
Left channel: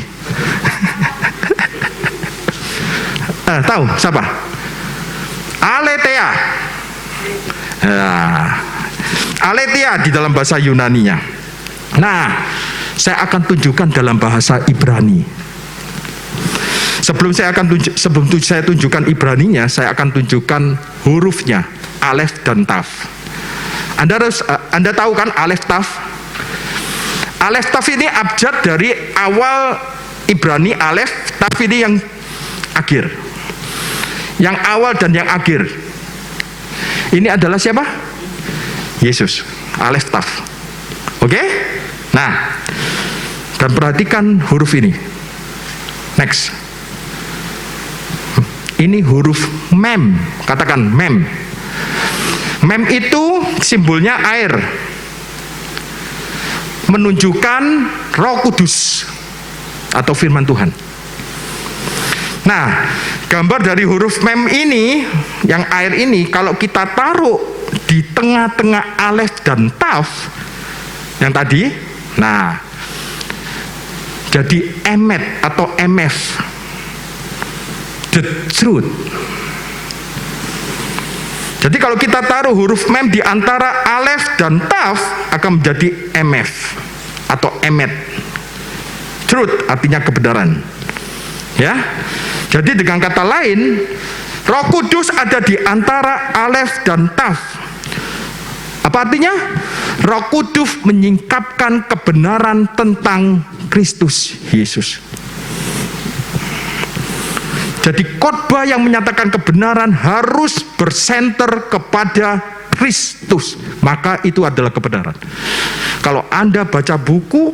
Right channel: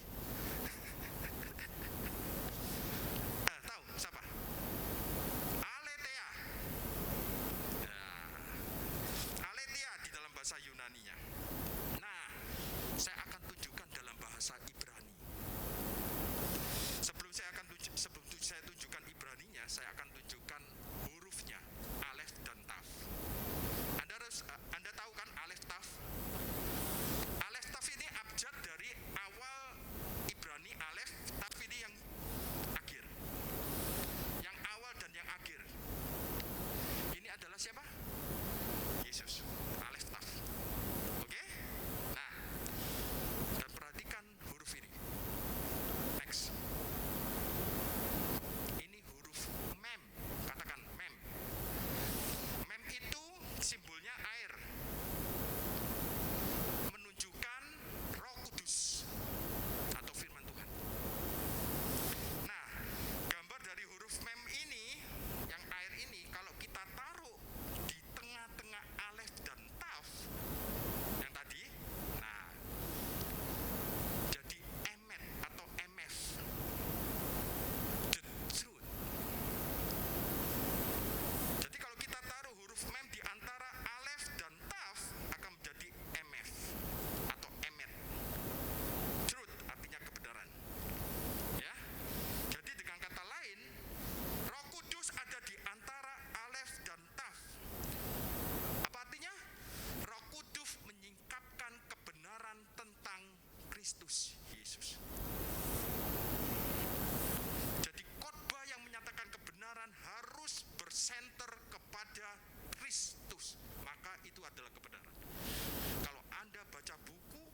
Tahu siapa? Aletheia. Aletheia di dalam bahasa Yunaninya. Nah, saya akan tunjukkan dalam bahasa Ibrani. Sebelum saya tunjukkan Ibraninya, saya akan tunjukkan hurufnya, alef dan taf. Anda tahu kan alef taf? Alef taf ini abjad dari awal Ibrani alef, taf ini yang akhir. Yang awal dan yang akhir. Ini adalah siapa? Yesus, alef taf. Oke? Nah, dan perhatikan huruf ini. Next. Ini huruf mem, katakan mem. Mem itu simbolnya air, menunjukkan Roh Kudus atau firman Tuhan. Nah, gambar dari huruf mem ini, yang air ini, kalau kita taruh di tengah-tengah alef dan taf, yang tadi, nah, jadi emet atau emef. The truth. Jadi kalau kita taruh huruf mem di antara alef dan taf, akan menjadi mf atau emet. Truth artinya kebenaran. Ya. Jadi dengan kata lain, Roh Kudus ada di antara alef dan taf. Apa artinya? Roh Kudus menyingkapkan kebenaran tentang Kristus Yesus. Jadi khotbah yang menyatakan kebenaran harus bersenter kepada Kristus. Maka itu adalah kebenaran. Kalau Anda baca buku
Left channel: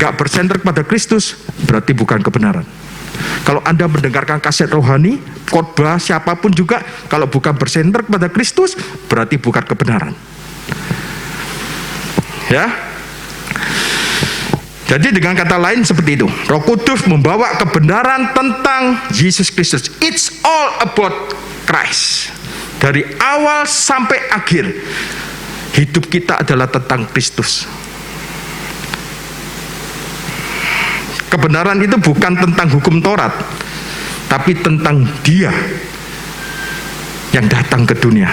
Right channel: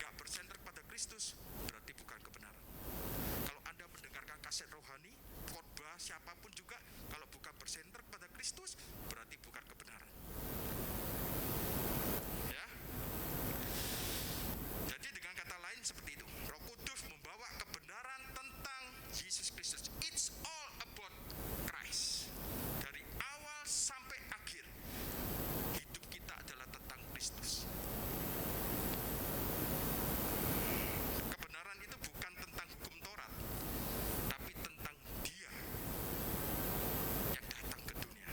nggak bersenter kepada Kristus, berarti bukan kebenaran. Kalau Anda mendengarkan kaset rohani, khotbah siapapun juga, kalau bukan bersenter kepada Kristus, berarti bukan kebenaran. Ya. Jadi dengan kata lain seperti itu, Roh Kudus membawa kebenaran tentang Yesus Kristus. It's all about Christ. Dari awal sampai akhir, hidup kita adalah tentang Kristus. Kebenaran itu bukan tentang hukum Taurat, tapi tentang Dia yang datang ke dunia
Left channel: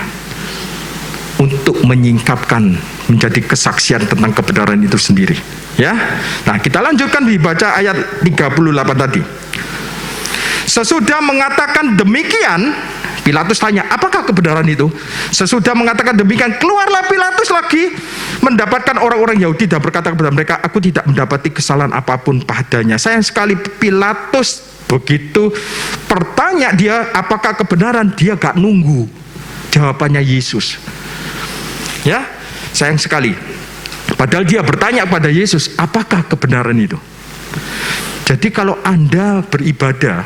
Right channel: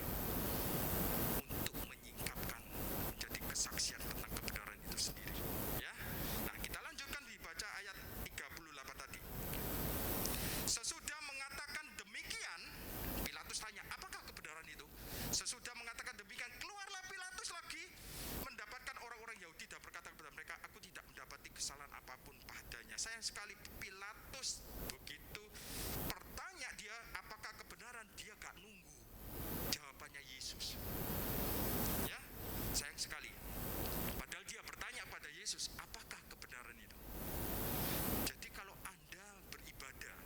untuk menyingkapkan, menjadi kesaksian tentang kebenaran itu sendiri. Ya, nah kita lanjutkan dibaca ayat 38 tadi. Sesudah mengatakan demikian, Pilatus tanya, apakah kebenaran itu? Sesudah mengatakan demikian, keluarlah Pilatus lagi, mendapatkan orang-orang Yahudi dan berkata kepada mereka, aku tidak mendapati kesalahan apapun padanya. Sayang sekali Pilatus begitu bertanya dia, apakah kebenaran? Dia gak nunggu jawabannya Yesus. Ya, sayang sekali. Padahal dia bertanya kepada Yesus, apakah kebenaran itu? Jadi kalau Anda beribadah,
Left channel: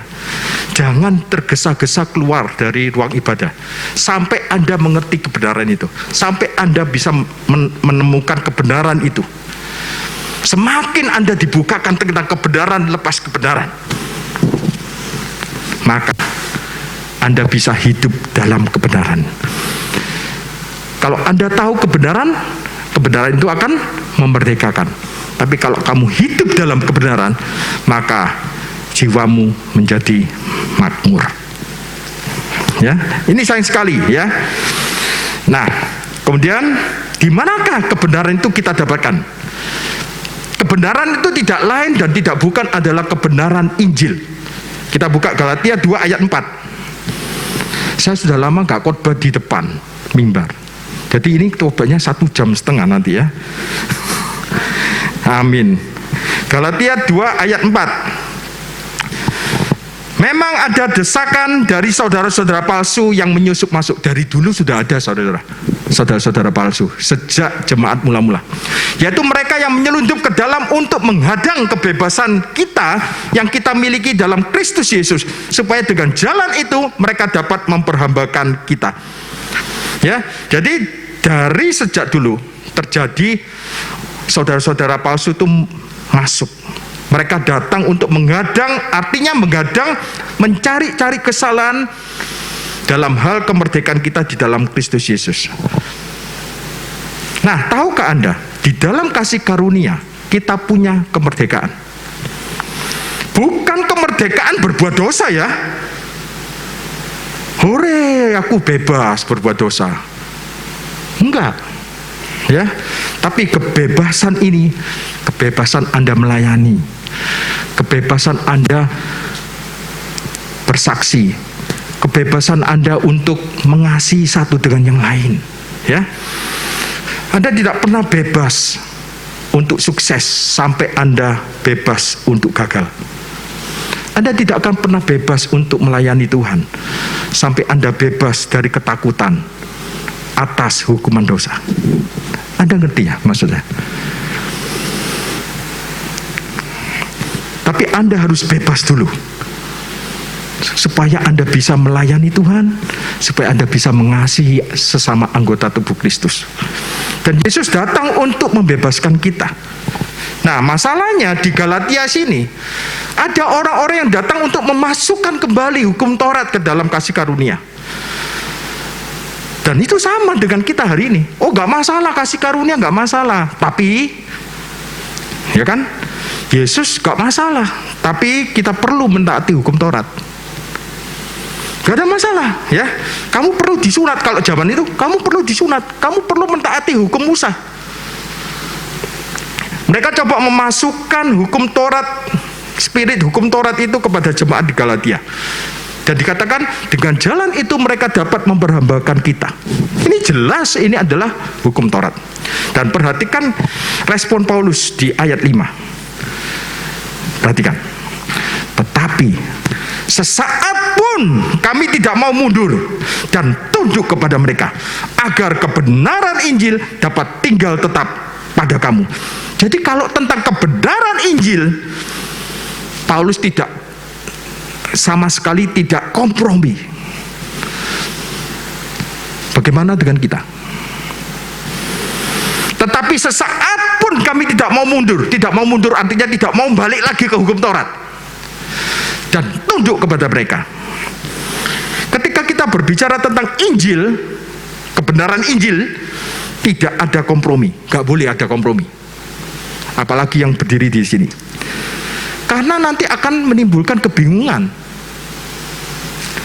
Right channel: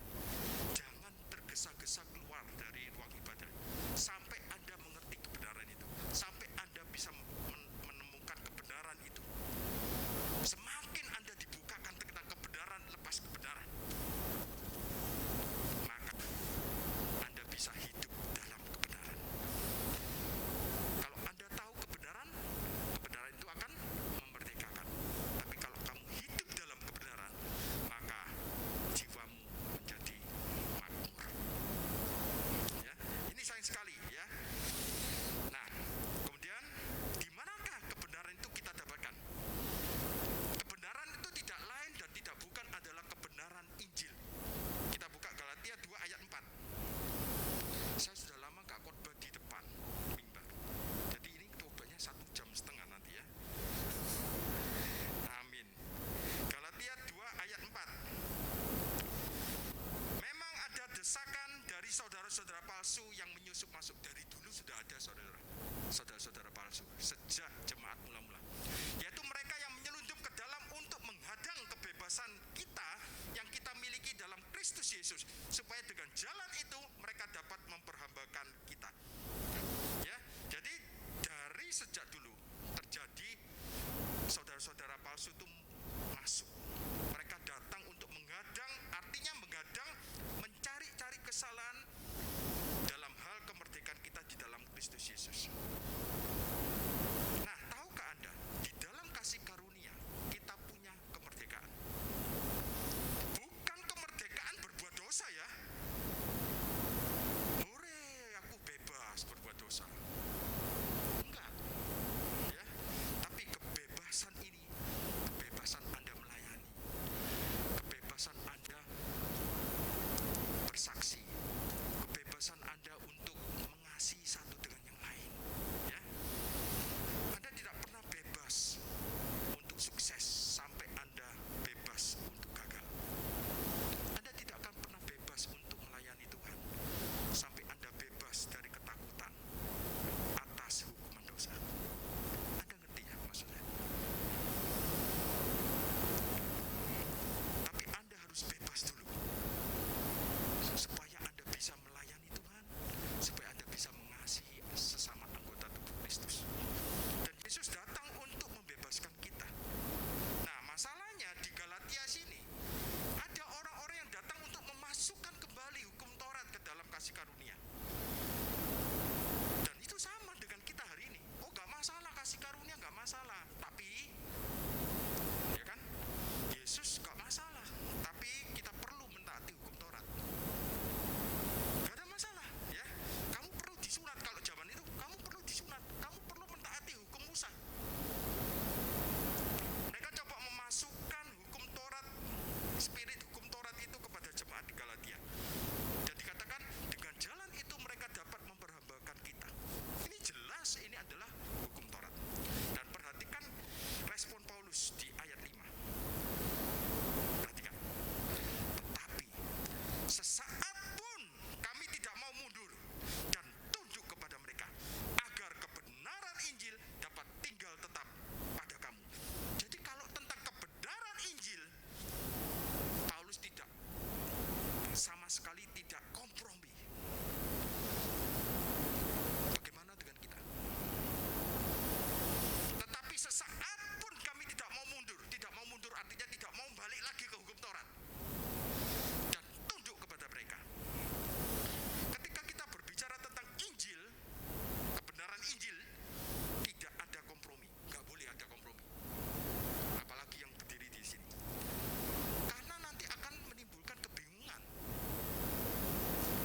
jangan tergesa-gesa keluar dari ruang ibadah sampai Anda mengerti kebenaran itu, sampai Anda bisa menemukan kebenaran itu. Semakin Anda dibukakan tentang kebenaran, lepas kebenaran, maka Anda bisa hidup dalam kebenaran. Kalau Anda tahu kebenaran, kebenaran itu akan memerdekakan. Tapi kalau kamu hidup dalam kebenaran, maka jiwamu menjadi makmur. Ya, ini sayang sekali ya. Nah, kemudian di manakah kebenaran itu kita dapatkan? Kebenaran itu tidak lain dan tidak bukan adalah kebenaran Injil. Kita buka Galatia 2 ayat 4. Saya sudah lama gak khotbah di depan mimbar. Jadi ini khotbahnya 1,5 jam nanti ya. Amin. Galatia 2 ayat 4. Memang ada desakan dari saudara-saudara palsu yang menyusup masuk. Dari dulu sudah ada saudara-saudara palsu sejak jemaat mula-mula, yaitu mereka yang menyelundup ke dalam untuk menghadang kebebasan kita yang kita miliki dalam Kristus Yesus, supaya dengan jalan itu mereka dapat memperhambakan kita. Ya, jadi dari sejak dulu terjadi saudara-saudara palsu itu masuk. Mereka datang untuk menghadang, artinya menghadang, mencari-cari kesalahan dalam hal kemerdekaan kita di dalam Kristus Yesus. Nah, tahukah Anda, di dalam kasih karunia kita punya kemerdekaan. Bukan kemerdekaan berbuat dosa ya. Hore, aku bebas berbuat dosa. Enggak. Ya, tapi kebebasan ini, kebebasan Anda melayani, kebebasan Anda bersaksi, kebebasan Anda untuk mengasihi satu dengan yang lain. Ya, Anda tidak pernah bebas untuk sukses sampai Anda bebas untuk gagal. Anda tidak akan pernah bebas untuk melayani Tuhan sampai Anda bebas dari ketakutan atas hukuman dosa. Anda ngerti ya maksudnya? Tapi Anda harus bebas dulu, supaya Anda bisa melayani Tuhan, supaya Anda bisa mengasihi sesama anggota tubuh Kristus. Dan Yesus datang untuk membebaskan kita. Nah, masalahnya di Galatia sini ada orang-orang yang datang untuk memasukkan kembali hukum Taurat ke dalam kasih karunia. Dan itu sama dengan kita hari ini. Oh, gak masalah, kasih karunia gak masalah. Tapi, ya kan, Yesus gak masalah. Tapi kita perlu mentaati hukum Taurat. Gak ada masalah, ya. Kamu perlu disunat, kalau zaman itu, kamu perlu disunat. Kamu perlu mentaati hukum Musa. Mereka coba memasukkan hukum Taurat, spirit hukum Taurat itu kepada jemaat di Galatia. Dan dikatakan dengan jalan itu mereka dapat memperhambakan kita. Ini jelas ini adalah hukum Taurat. Dan perhatikan respon Paulus di ayat 5. Perhatikan. Tetapi sesaat pun kami tidak mau mundur dan tunduk kepada mereka, agar kebenaran Injil dapat tinggal tetap pada kamu. Jadi kalau tentang kebenaran Injil, Paulus sama sekali tidak kompromi. Bagaimana dengan kita? Tetapi sesaat pun kami tidak mau mundur. Tidak mau mundur artinya tidak mau balik lagi ke hukum Taurat dan tunduk kepada mereka. Ketika kita berbicara tentang Injil, kebenaran Injil, tidak ada kompromi. Gak boleh ada kompromi. Apalagi yang berdiri di sini. Karena nanti akan menimbulkan kebingungan.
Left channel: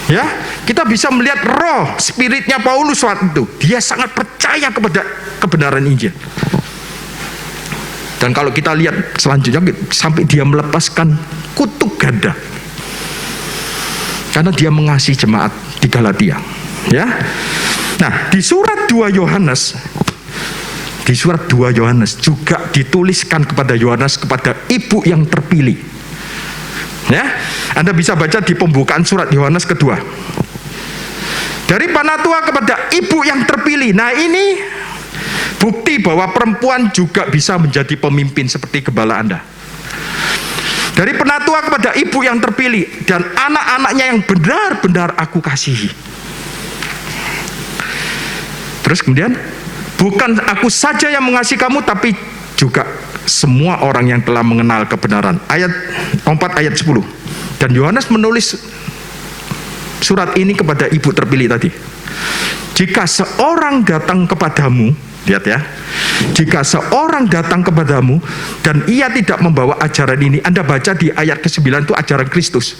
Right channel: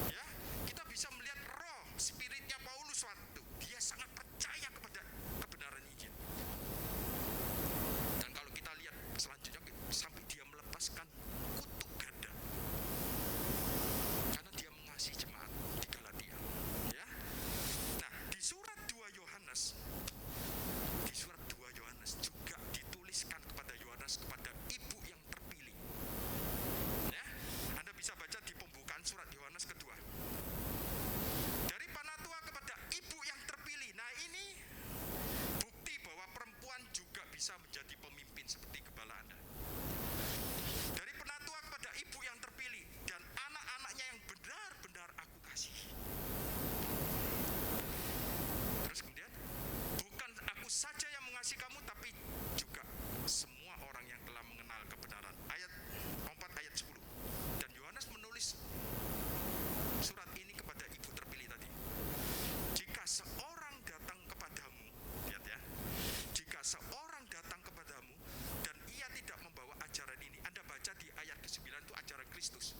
Ya, kita bisa melihat roh spiritnya Paulus waktu itu. Dia sangat percaya kepada kebenaran Injil. Dan kalau kita lihat selanjutnya sampai dia melepaskan kutuk ganda. Karena dia mengasihi jemaat di Galatia. Ya. Nah, di surat 2 Yohanes juga dituliskan kepada Yohanes, kepada ibu yang terpilih. Ya, Anda bisa baca di pembukaan surat Yohanes kedua. Dari panatua kepada ibu yang terpilih. Nah, ini bukti bahwa perempuan juga bisa menjadi pemimpin seperti gembala Anda. Dari penatua kepada ibu yang terpilih dan anak-anaknya yang benar-benar aku kasihi. Terus kemudian, bukan aku saja yang mengasihi kamu, tapi juga semua orang yang telah mengenal kebenaran. Ayat 4 ayat 10. Dan Yohanes menulis surat ini kepada ibu terpilih tadi. Jika seorang datang kepadamu Lihat ya. Jika seorang datang kepadamu dan ia tidak membawa ajaran ini, Anda baca di ayat ke-9 itu ajaran Kristus.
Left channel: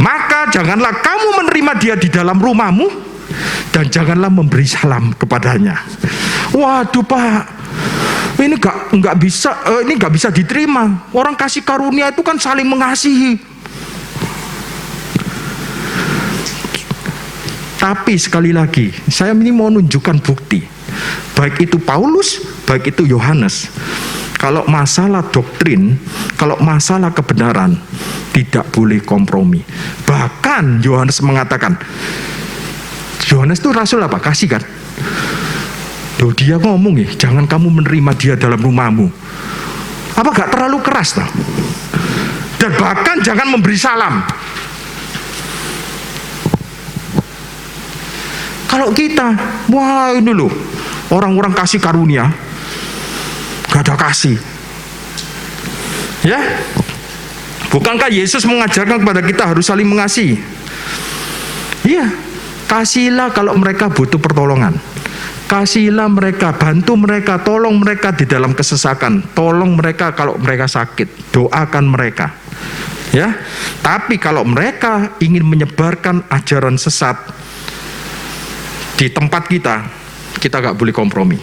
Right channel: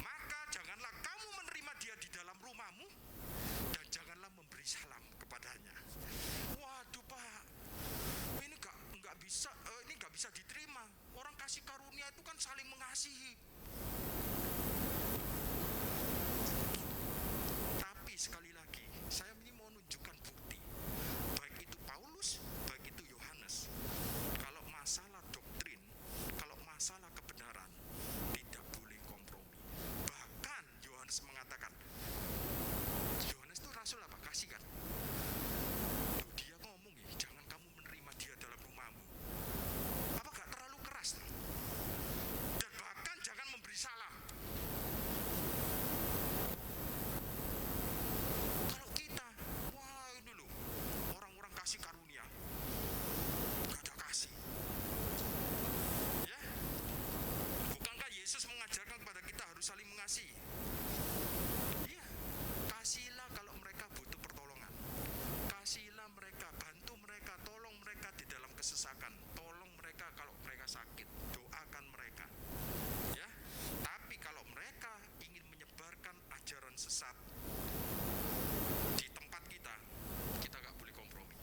Maka janganlah kamu menerima dia di dalam rumahmu dan janganlah memberi salam kepadanya. Waduh Pak, ini nggak bisa diterima. Orang kasih karunia itu kan saling mengasihi. Tapi sekali lagi, saya ini mau menunjukkan bukti. Baik itu Paulus, baik itu Yohanes. Kalau masalah doktrin, kalau masalah kebenaran, tidak boleh kompromi. Bahkan Yohanes mengatakan, Yohanes itu rasul apa? Kasih kan? Loh, dia ngomong ya, jangan kamu menerima dia dalam rumahmu. Apa gak terlalu keras toh? Dan bahkan jangan memberi salam. Kalau kita, wah ini loh, orang-orang kasih karunia, gak ada kasih. Ya, bukankah Yesus mengajarkan kepada kita harus saling mengasihi? Iya, kasihlah kalau mereka butuh pertolongan. Kasihlah mereka, bantu mereka, tolong mereka di dalam kesesakan. Tolong mereka kalau mereka sakit, doakan mereka. Ya, tapi kalau mereka ingin menyebarkan ajaran sesat di tempat kita gak boleh kompromi.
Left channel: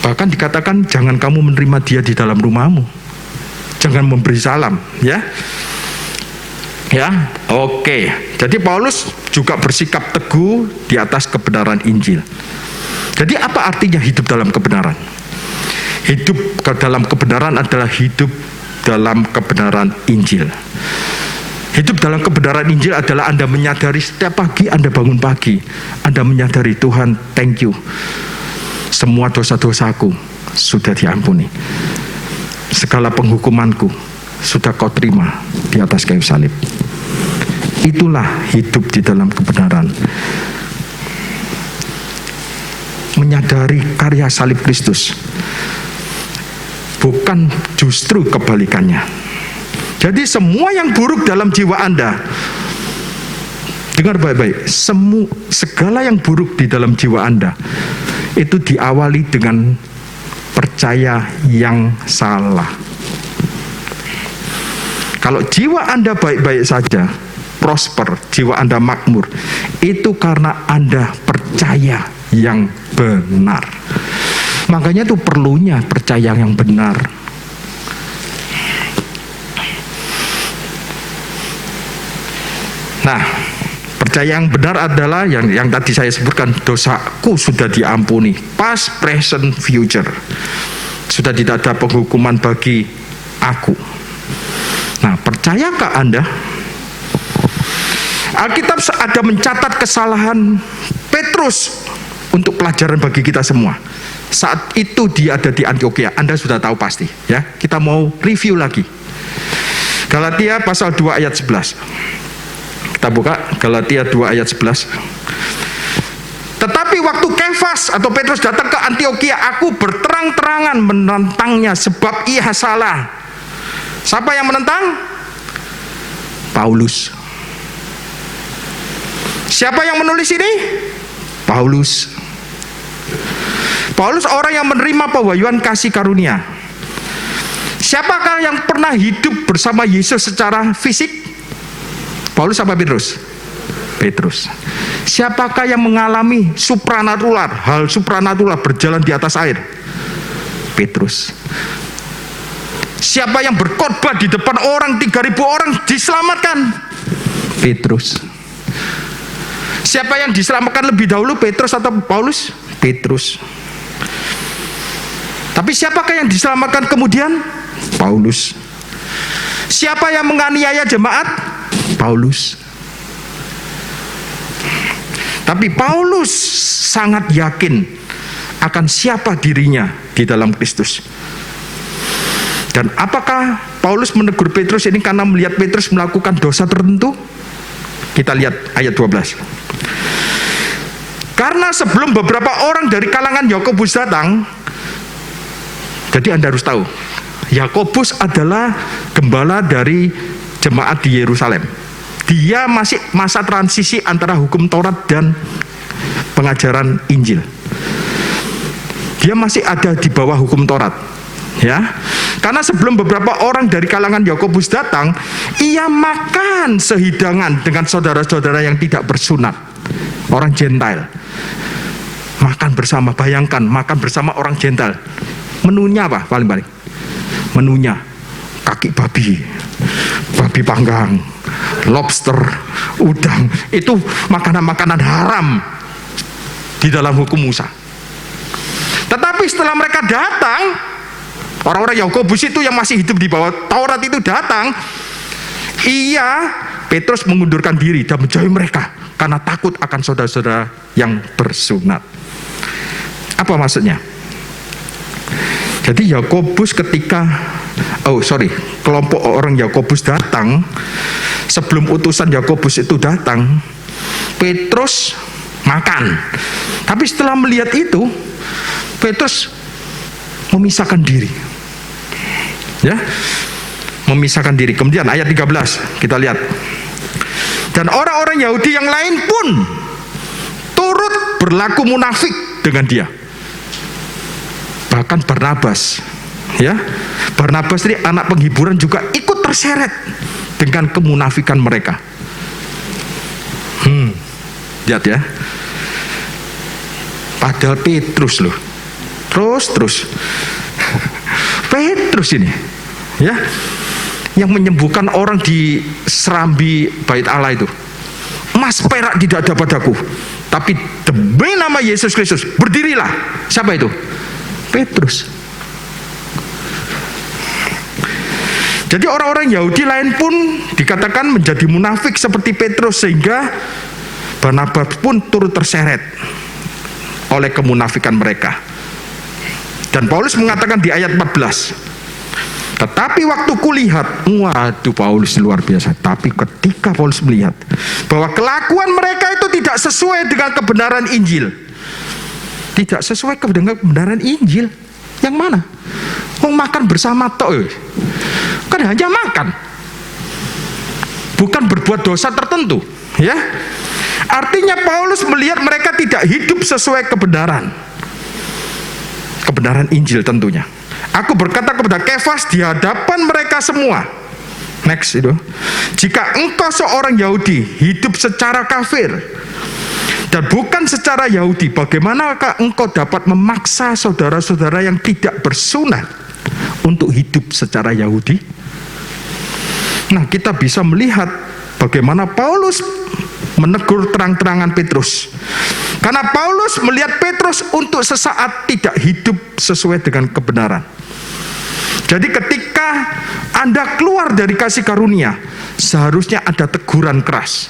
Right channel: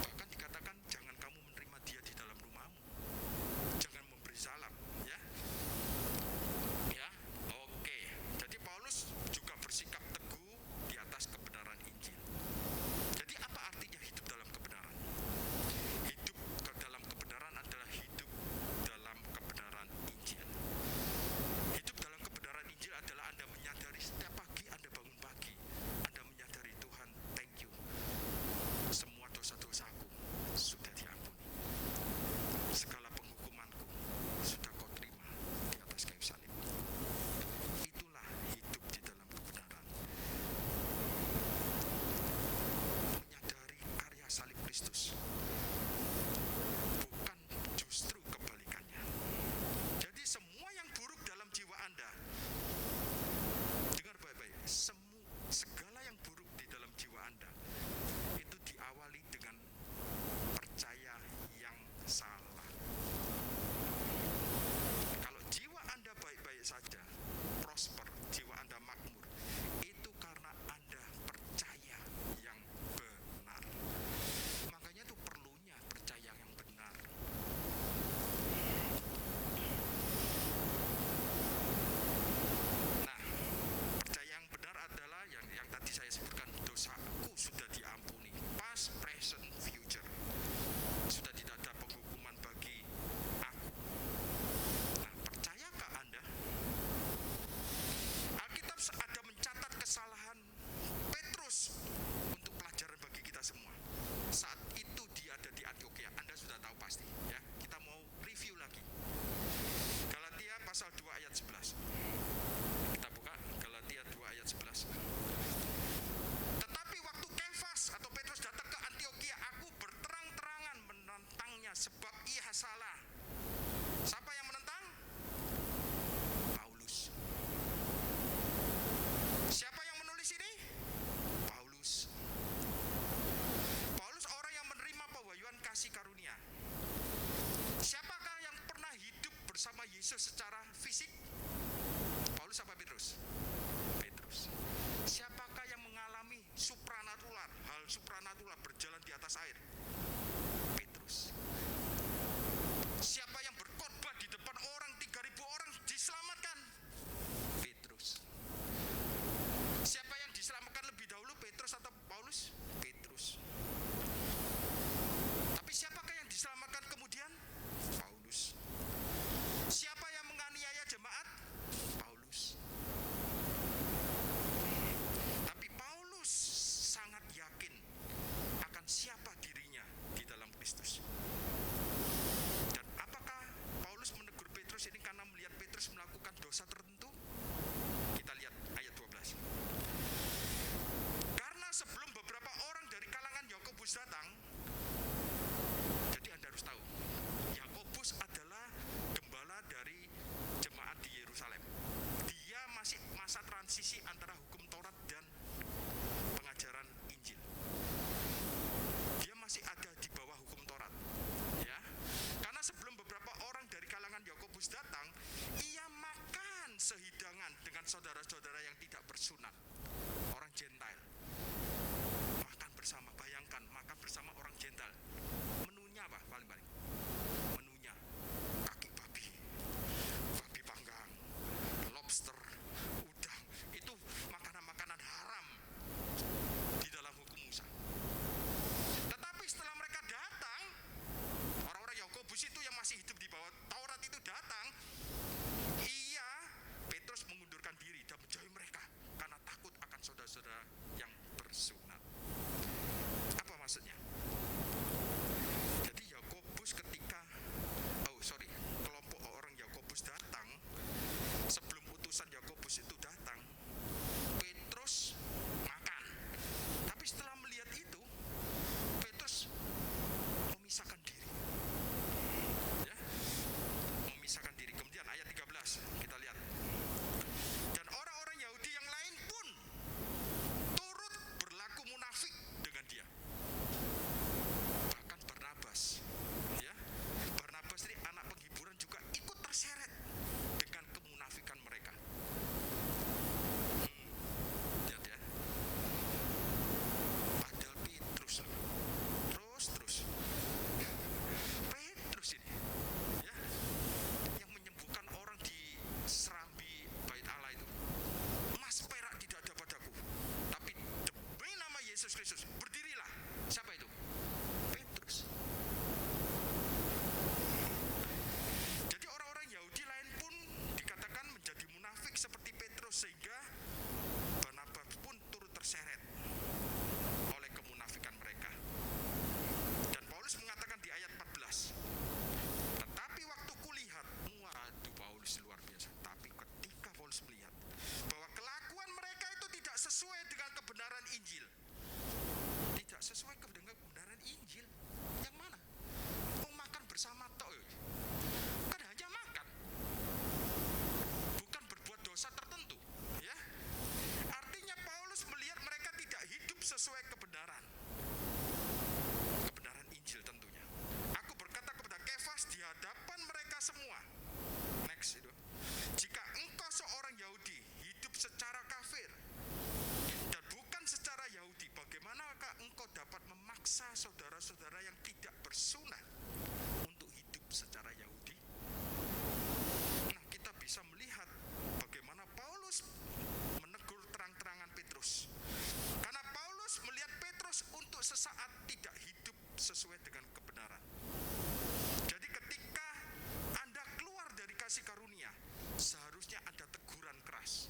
Bahkan dikatakan jangan kamu menerima dia di dalam rumahmu, jangan memberi salam, ya. Ya, oke. Jadi Paulus juga bersikap teguh di atas kebenaran Injil. Jadi apa artinya hidup dalam kebenaran? Hidup dalam kebenaran adalah hidup dalam kebenaran Injil. Hidup dalam kebenaran Injil adalah Anda menyadari setiap pagi Anda bangun pagi, Anda menyadari Tuhan, thank you. Semua dosa-dosaku sudah diampuni. Segala penghukumanku sudah kau terima di atas kayu salib. Itulah hidup di dalam kebenaran. Menyadari karya salib Kristus. Bukan justru kebalikannya. Jadi semua yang buruk dalam jiwa Anda, dengar baik-baik, segala yang buruk di dalam jiwa Anda itu diawali dengan percaya yang salah. Kalau jiwa Anda baik-baik saja, prosper, jiwa Anda makmur, itu karena Anda percaya yang benar. Makanya itu perlunya percaya yang benar. Nah, percaya yang benar adalah yang tadi saya sebutkan, dosaku sudah diampuni, past, present, future. Sudah tidak ada penghukuman bagi aku. Nah, percayakah Anda? Alkitab ada mencatat kesalahan Petrus untuk pelajaran bagi kita semua. Saat itu dia ada di Antiokhia, Anda sudah tahu pasti, ya. Kita mau review lagi. Galatia pasal 2 ayat 11. Kita buka Galatia 2 ayat 11. Tetapi waktu Kefas atau Petrus datang ke Antiokhia, aku berterang-terangan menentangnya sebab ia salah. Siapa yang menentang? Paulus. Siapa yang menulis ini? Paulus. Paulus orang yang menerima pewahyuan kasih karunia. Siapakah yang pernah hidup bersama Yesus secara fisik? Paulus apa Petrus? Petrus. Siapakah yang mengalami supranatural, hal supranatural berjalan di atas air? Petrus. Siapa yang berkhotbah di depan orang 3.000 orang diselamatkan? Petrus. Siapa yang diselamatkan lebih dahulu, Petrus atau Paulus? Petrus. Tapi siapakah yang diselamatkan kemudian? Paulus. Siapa yang menganiaya jemaat? Paulus. Tapi Paulus sangat yakin akan siapa dirinya di dalam Kristus. Dan apakah Paulus menegur Petrus ini karena melihat Petrus melakukan dosa tertentu? Kita lihat ayat 12. Karena sebelum beberapa orang dari kalangan Yakobus datang, jadi Anda harus tahu, Yakobus adalah gembala dari jemaat di Yerusalem. Dia masih masa transisi antara hukum Taurat dan pengajaran Injil. dia masih ada di bawah hukum Taurat. Ya, karena sebelum beberapa orang dari kalangan Yakobus datang, ia makan sehidangan dengan saudara-saudara yang tidak bersunat, orang Gentile. Makan bersama, bayangkan makan bersama orang Gentile. Menunya apa paling-paling? Menunya kaki babi, babi panggang, lobster, udang. Itu makanan-makanan haram di dalam hukum Musa. Tetapi setelah mereka datang, orang-orang Yakobus itu yang masih hidup di bawah Taurat itu datang, Petrus mengundurkan diri dan menjauhi mereka karena takut akan saudara-saudara yang bersunat. Apa maksudnya? Jadi Yakobus kelompok orang Yakobus datang, sebelum utusan Yakobus itu datang, Petrus makan. Tapi setelah melihat itu, Petrus memisahkan diri. Ya, memisahkan diri. Kemudian ayat 13 kita lihat. Dan orang-orang Yahudi yang lain pun turut berlaku munafik dengan dia. Bahkan Barnabas, ya, Barnabas ini anak penghiburan juga ikut terseret dengan kemunafikan mereka. Lihat ya. Padahal Petrus loh. Terus Petrus ini, ya, yang menyembuhkan orang di serambi bait Allah itu. Emas perak tidak ada padaku, tapi demi nama Yesus Kristus berdirilah. Siapa itu? Petrus. Jadi orang-orang Yahudi lain pun dikatakan menjadi munafik seperti Petrus, sehingga Barnabas pun turut terseret oleh kemunafikan mereka. Dan Paulus mengatakan di ayat 14, tetapi waktu kulihat, waduh, Paulus luar biasa. Tapi ketika Paulus melihat bahwa kelakuan mereka itu tidak sesuai dengan kebenaran Injil. Tidak sesuai dengan kebenaran Injil. Yang mana? Makan bersama tok. Kan hanya makan, bukan berbuat dosa tertentu, ya. Artinya Paulus melihat mereka tidak hidup sesuai kebenaran Injil tentunya. Aku berkata kepada Kefas di hadapan mereka semua. Next itu. Jika engkau seorang Yahudi hidup secara kafir dan bukan secara Yahudi, bagaimanakah engkau dapat memaksa saudara-saudara yang tidak bersunat untuk hidup secara Yahudi? Nah, kita bisa melihat bagaimana Paulus menegur terang-terangan Petrus. Karena Paulus melihat Petrus untuk sesaat tidak hidup sesuai dengan kebenaran. Jadi ketika Anda keluar dari kasih karunia, seharusnya ada teguran keras.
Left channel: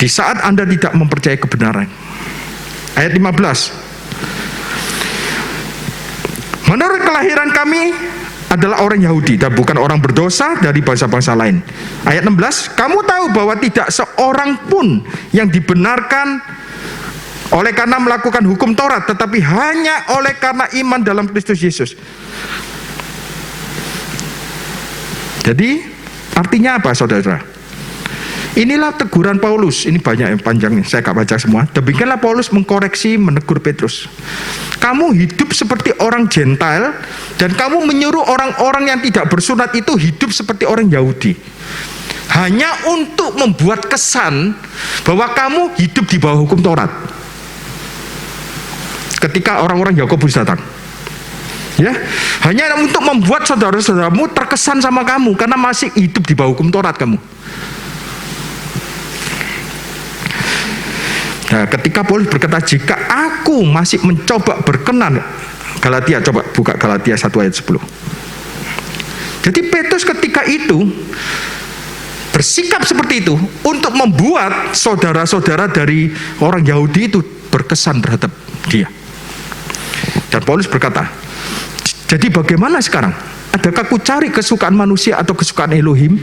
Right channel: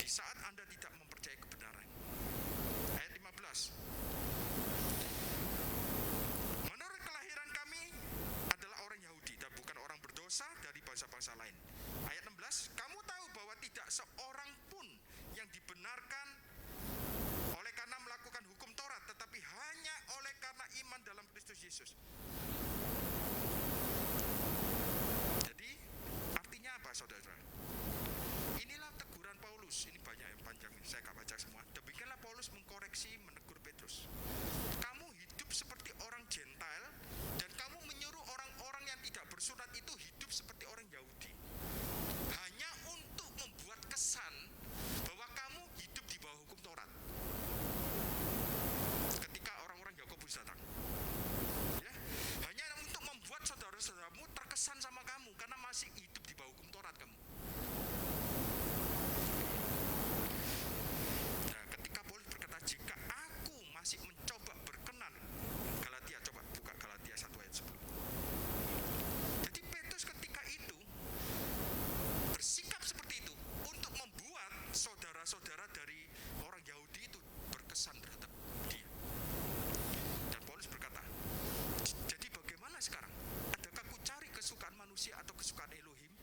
Di saat Anda tidak mempercayai kebenaran. Ayat 15. Menurut kelahiran kami adalah orang Yahudi dan bukan orang berdosa dari bangsa-bangsa lain. Ayat 16, kamu tahu bahwa tidak seorang pun yang dibenarkan oleh karena melakukan hukum Taurat, tetapi hanya oleh karena iman dalam Kristus Yesus. Jadi artinya apa, saudara? Inilah teguran Paulus. Ini banyak yang panjang nih, saya gak baca semua. Demikianlah Paulus mengkoreksi, menegur Petrus. Kamu hidup seperti orang Gentile dan kamu menyuruh orang-orang yang tidak bersunat itu hidup seperti orang Yahudi. Hanya untuk membuat kesan bahwa kamu hidup di bawah hukum Taurat. Ketika orang-orang Yakobus datang, ya, hanya untuk membuat saudara-saudaramu terkesan sama kamu karena masih hidup di bawah hukum Taurat kamu. Nah, ketika Paulus berkata, jika aku masih mencoba berkenan, Galatia, coba buka Galatia 1 ayat 10. Jadi Petrus ketika itu bersikap seperti itu untuk membuat saudara-saudara dari orang Yahudi itu berkesan terhadap dia. Dan Paulus berkata, jadi bagaimana sekarang? Adakah aku cari kesukaan manusia atau kesukaan Elohim?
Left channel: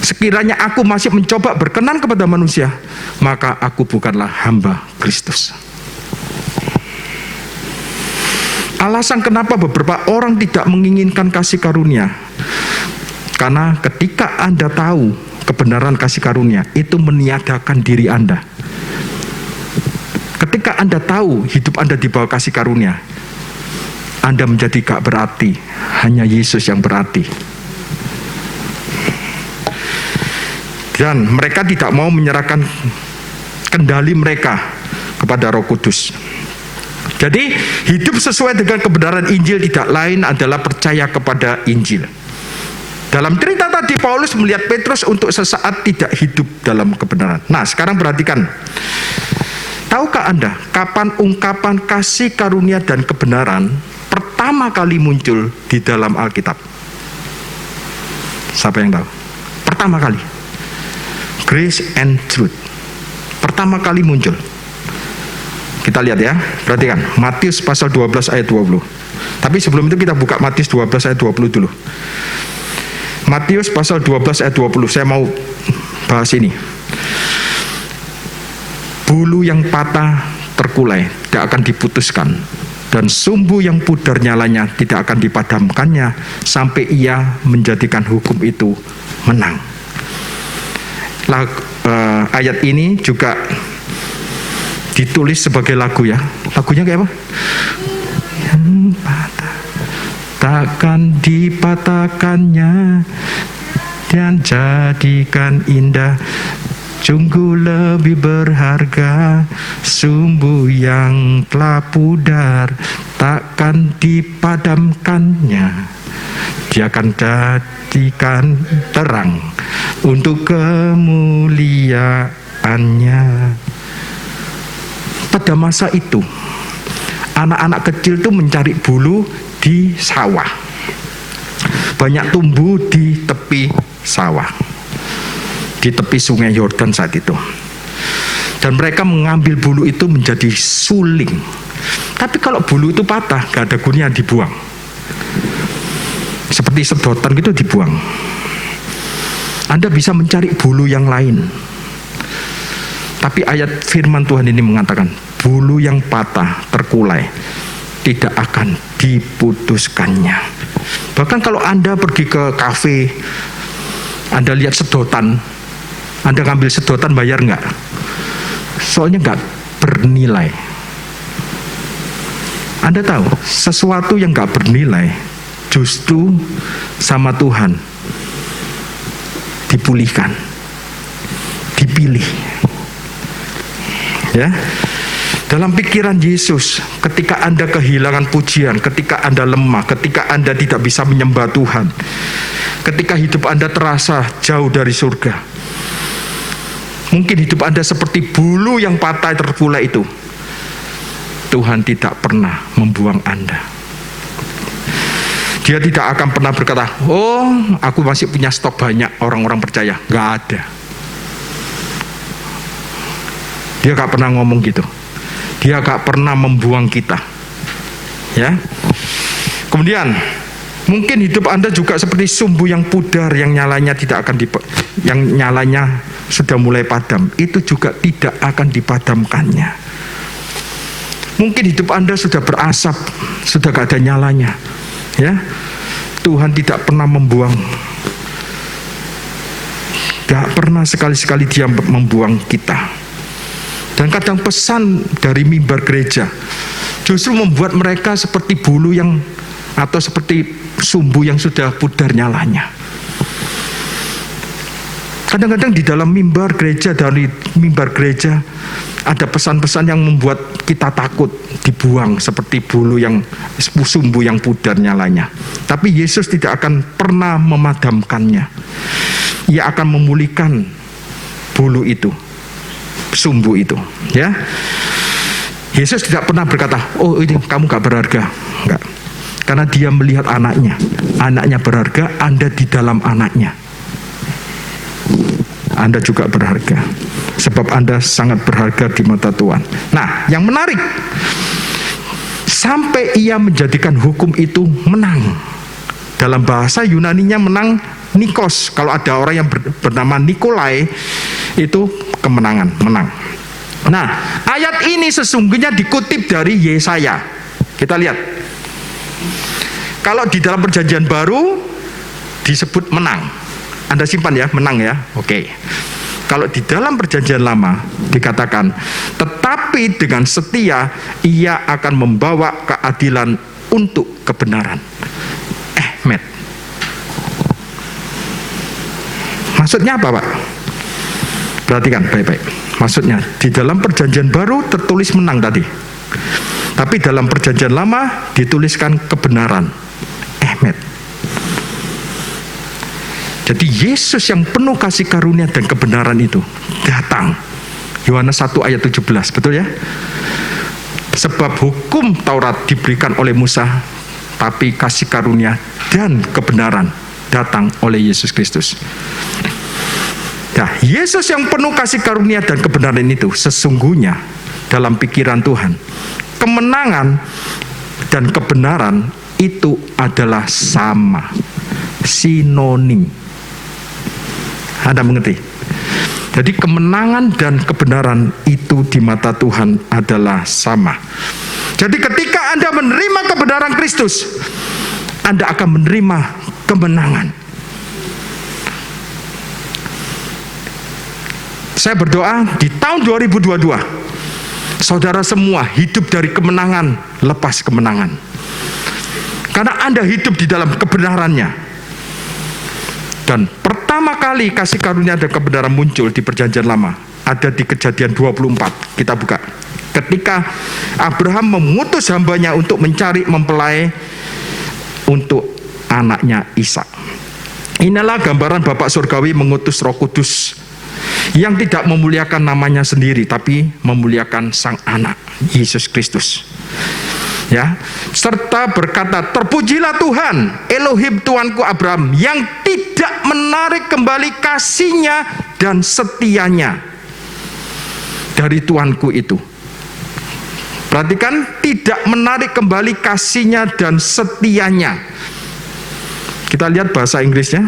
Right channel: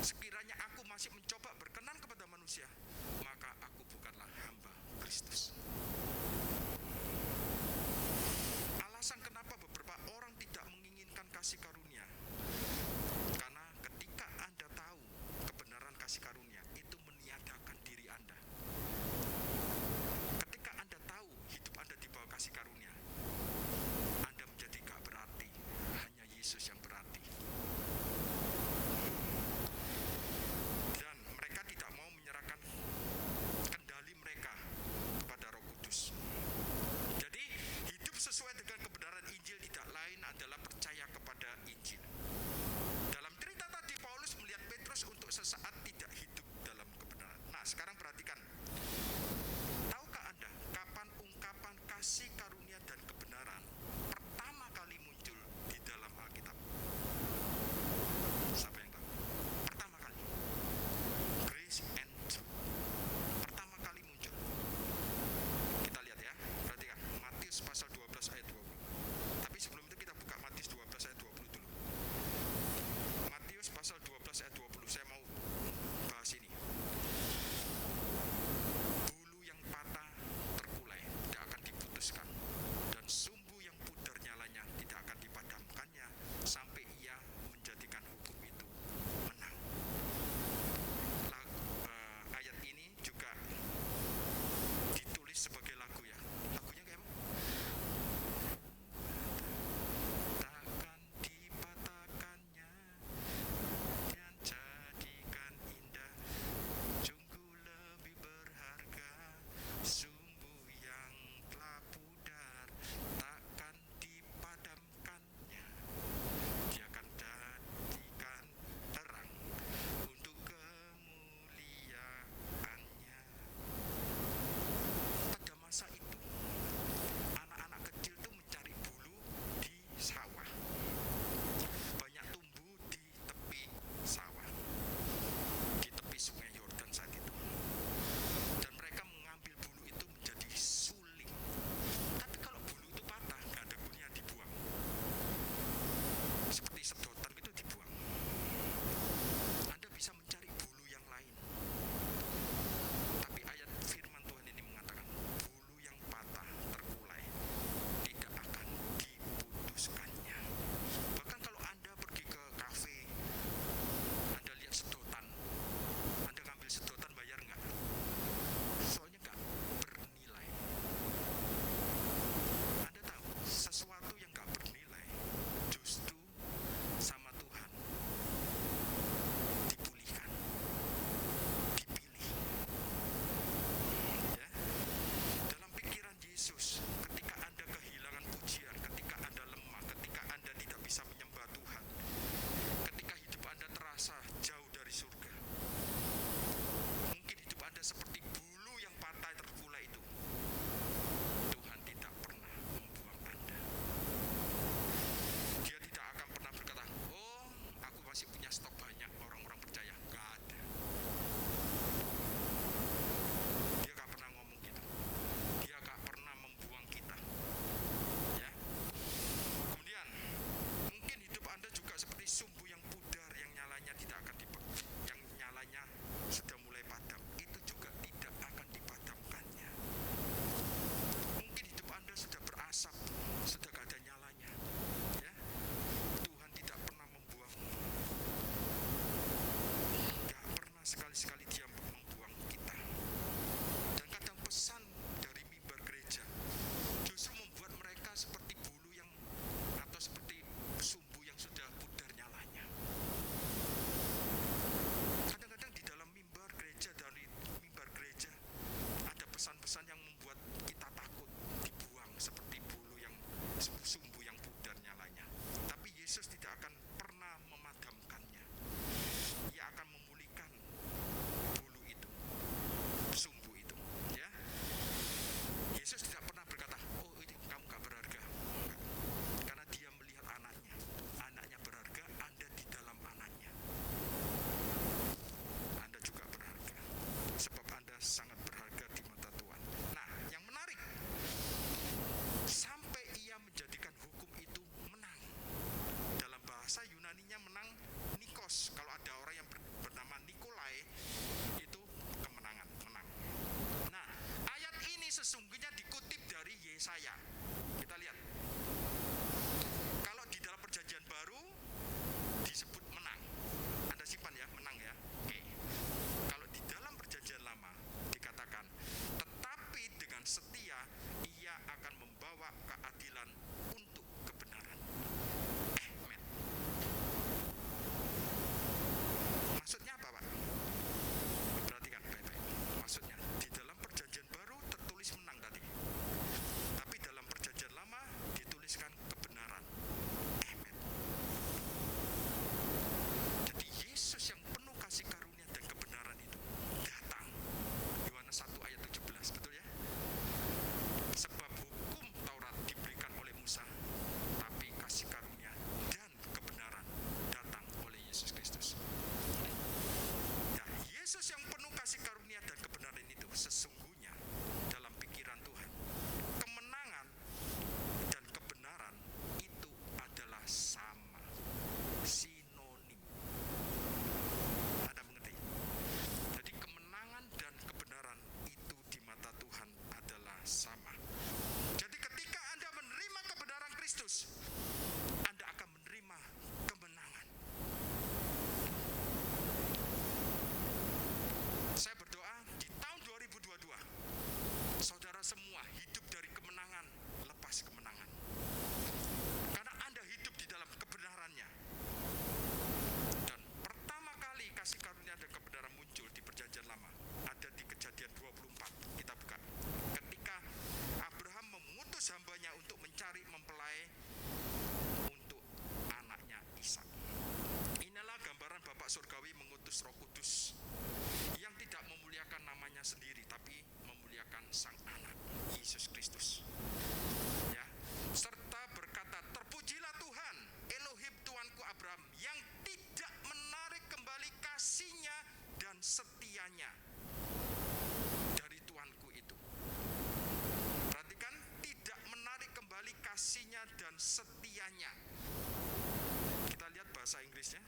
Sekiranya aku masih mencoba berkenan kepada manusia, maka aku bukanlah hamba Kristus. Alasan kenapa beberapa orang tidak menginginkan kasih karunia, karena ketika Anda tahu kebenaran kasih karunia, itu meniadakan diri Anda. Ketika ketika Anda tahu hidup Anda di bawah kasih karunia, Anda menjadi gak berarti, hanya Yesus yang berarti. Dan mereka tidak mau menyerahkan kendali mereka kepada Roh Kudus. Jadi hidup sesuai dengan kebenaran Injil tidak lain adalah percaya kepada Injil. Dalam cerita tadi Paulus melihat Petrus untuk sesaat tidak hidup dalam kebenaran. Nah, sekarang perhatikan. Tahukah Anda kapan ungkapan kasih karunia dan kebenaran pertama kali muncul di dalam Alkitab? Siapa yang tahu? Pertama kali. Grace and truth. Pertama kali muncul. Kita lihat ya, perhatikan. Matius pasal 12 ayat 20. Tapi sebelum itu kita buka Matius 12 ayat 20 dulu. Matius pasal 12 ayat 20. Saya mau bahas ini. Bulu yang patah terkulai tidak akan diputuskan, dan sumbu yang pudar nyalanya tidak akan dipadamkannya sampai ia menjadikan hukum itu menang. Ayat ini juga ditulis sebagai lagu ya. Lagunya kayak apa? Yang patah takkan dipatahkannya dan jadikan indah. Sungguh lebih berharga sumbu yang telah pudar, takkan dipadamkannya. Dia akan jadikan terang untuk kemuliaannya. Pada masa itu, anak-anak kecil itu mencari bulu di sawah. Banyak tumbuh di tepi sawah, di tepi sungai Yordan saat itu. Dan mereka mengambil bulu itu menjadi suling. Tapi kalau bulu itu patah, gak ada gunanya, dibuang. Seperti sedotan gitu dibuang. Anda bisa mencari bulu yang lain. Tapi ayat firman Tuhan ini mengatakan, bulu yang patah terkulai tidak akan diputuskannya. Bahkan kalau Anda pergi ke kafe, Anda lihat sedotan, Anda ngambil sedotan, bayar nggak? Soalnya nggak bernilai. Anda tahu, sesuatu yang nggak bernilai justru sama Tuhan dipulihkan, dipilih. Ya, dalam pikiran Yesus, ketika Anda kehilangan pujian, ketika Anda lemah, ketika Anda tidak bisa menyembah Tuhan, ketika hidup Anda terasa jauh dari surga, mungkin hidup Anda seperti bulu yang patah terkulai itu. Tuhan tidak pernah membuang Anda. Dia tidak akan pernah berkata, oh aku masih punya stok banyak orang-orang percaya. Gak ada. Dia gak pernah ngomong gitu. Dia gak pernah membuang kita. Ya. Kemudian mungkin hidup Anda juga seperti sumbu yang pudar yang nyalanya tidak akan yang nyalanya sudah mulai padam. Itu juga tidak akan dipadamkannya. Mungkin hidup Anda sudah berasap, sudah gak ada nyalanya. Ya, Tuhan tidak pernah membuang, gak pernah sekali-sekali Dia membuang kita. Dan kadang pesan dari mimbar gereja justru membuat mereka seperti bulu yang, atau seperti sumbu yang sudah pudar nyalanya. Kadang-kadang di dalam mimbar gereja, dari mimbar gereja ada pesan-pesan yang membuat kita takut dibuang seperti bulu yang, sumbu yang pudar nyalanya. Tapi Yesus tidak akan pernah memadamkannya. Ia akan memulihkan bulu itu, sumbu itu. Ya, Yesus tidak pernah berkata, oh ini kamu gak berharga. Enggak. Karena Dia melihat anaknya. Anaknya berharga, Anda di dalam anaknya. Anda juga berharga. Sebab Anda sangat berharga di mata Tuhan. Nah, yang menarik, sampai Ia menjadikan hukum itu menang. Dalam bahasa Yunaninya menang Nikos. Kalau ada orang yang bernama Nikolai, itu kemenangan, menang. Nah, ayat ini sesungguhnya dikutip dari Yesaya. Kita lihat. Kalau di dalam perjanjian baru disebut menang. Anda simpan ya, menang ya. Oke. Kalau di dalam perjanjian lama dikatakan, tetapi dengan setia ia akan membawa keadilan untuk kebenaran. Ahmed. Maksudnya apa, Pak? Perhatikan baik-baik. Maksudnya di dalam perjanjian baru tertulis menang tadi, tapi dalam perjanjian lama dituliskan kebenaran. Ahmed. Jadi Yesus yang penuh kasih karunia dan kebenaran itu datang. Yohanes 1 ayat 17, betul ya? Sebab hukum Taurat diberikan oleh Musa, tapi kasih karunia dan kebenaran datang oleh Yesus Kristus. Nah, Yesus yang penuh kasih karunia dan kebenaran itu sesungguhnya dalam pikiran Tuhan, kemenangan dan kebenaran itu adalah sama, sinonim. Anda mengerti? Jadi kemenangan dan kebenaran itu di mata Tuhan adalah sama. Jadi ketika Anda menerima kebenaran Kristus, Anda akan menerima kemenangan. Saya berdoa di tahun 2022, saudara semua hidup dari kemenangan, lepas kemenangan. Karena Anda hidup di dalam kebenarannya. Dan pertama kali kasih karunia dan kebenaran muncul di perjanjian lama, ada di Kejadian 24. Kita buka. Ketika Abraham mengutus hambanya untuk mencari mempelai untuk anaknya Ishak. Inilah gambaran Bapa Surgawi mengutus Roh Kudus yang tidak memuliakan namanya sendiri, tapi memuliakan Sang Anak, Yesus Kristus. Ya, serta berkata, terpujilah Tuhan, Elohim Tuanku Abraham, yang tidak menarik kembali kasihnya dan setianya dari Tuanku itu. Perhatikan, tidak menarik kembali kasihnya dan setianya. Kita lihat bahasa Inggrisnya,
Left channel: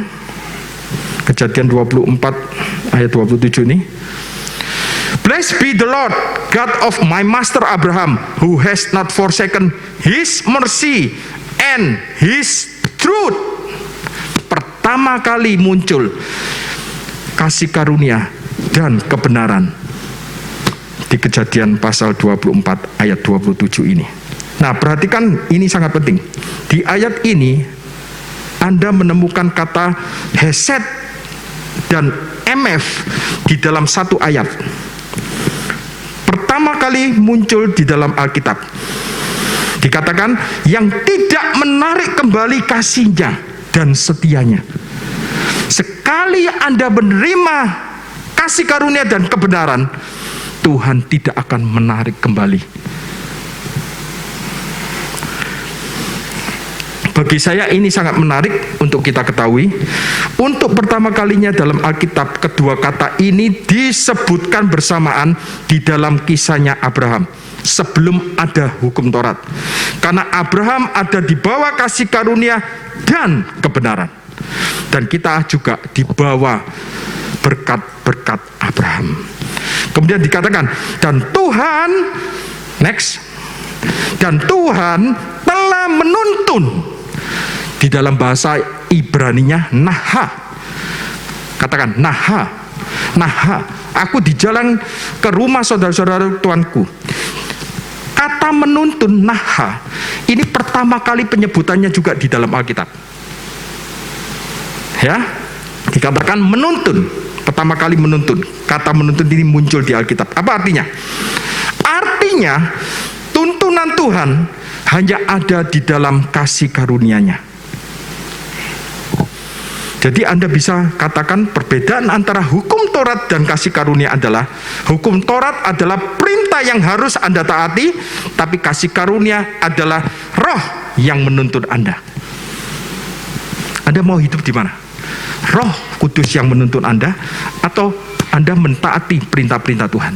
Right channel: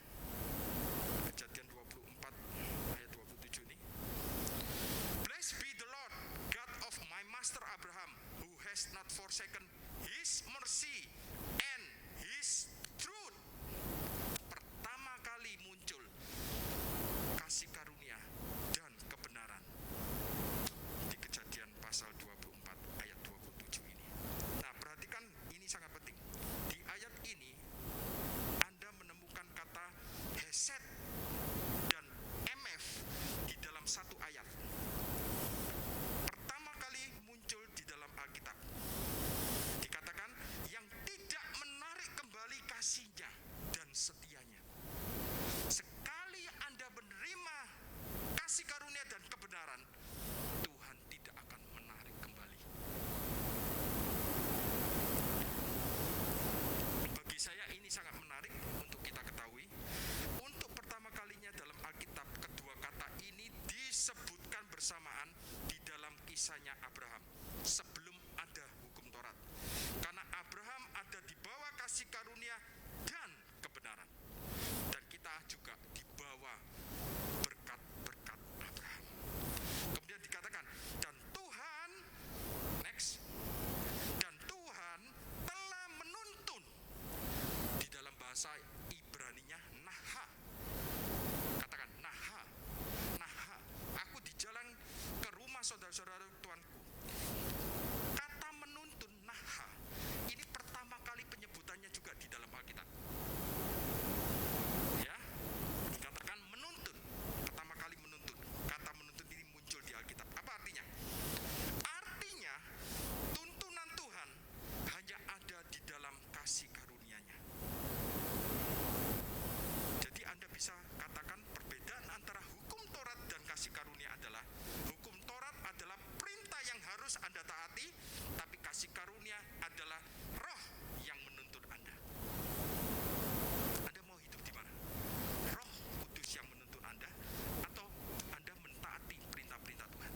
Kejadian 24 ayat 27 ini. Blessed be the Lord, God of my master Abraham, who has not forsaken his mercy and his truth. Pertama kali muncul kasih karunia dan kebenaran di Kejadian pasal 24 ayat 27 ini. Nah, perhatikan, ini sangat penting. Di ayat ini Anda menemukan kata hesed dan mf di dalam satu ayat. Pertama kali muncul di dalam Alkitab. Dikatakan yang tidak menarik kembali kasihnya dan setianya. Sekali Anda menerima kasih karunia dan kebenaran, Tuhan tidak akan menarik kembali. Bagi saya ini sangat menarik untuk kita ketahui. Untuk pertama kalinya dalam Alkitab, kedua kata ini disebutkan bersamaan di dalam kisahnya Abraham sebelum ada hukum Taurat. Karena Abraham ada di bawah kasih karunia dan kebenaran. Dan kita juga di bawah berkat-berkat Abraham. Kemudian dikatakan, dan Tuhan, next, dan Tuhan telah menuntun. Di dalam bahasa Ibraninya naha. Katakan naha. Naha. Aku di jalan ke rumah saudara-saudara tuanku. Kata menuntun naha. Ini pertama kali penyebutannya juga di dalam Alkitab. Ya. Dikatakan menuntun. Pertama kali menuntun. Kata menuntun ini muncul di Alkitab. Apa artinya? Artinya tuntunan Tuhan hanya ada di dalam kasih karunia-Nya. Jadi Anda bisa katakan perbedaan antara hukum Taurat dan kasih karunia adalah hukum Taurat adalah perintah yang harus Anda taati, tapi kasih karunia adalah roh yang menuntun Anda. Anda mau hidup di mana? Roh Kudus yang menuntun Anda atau Anda mentaati perintah-perintah Tuhan?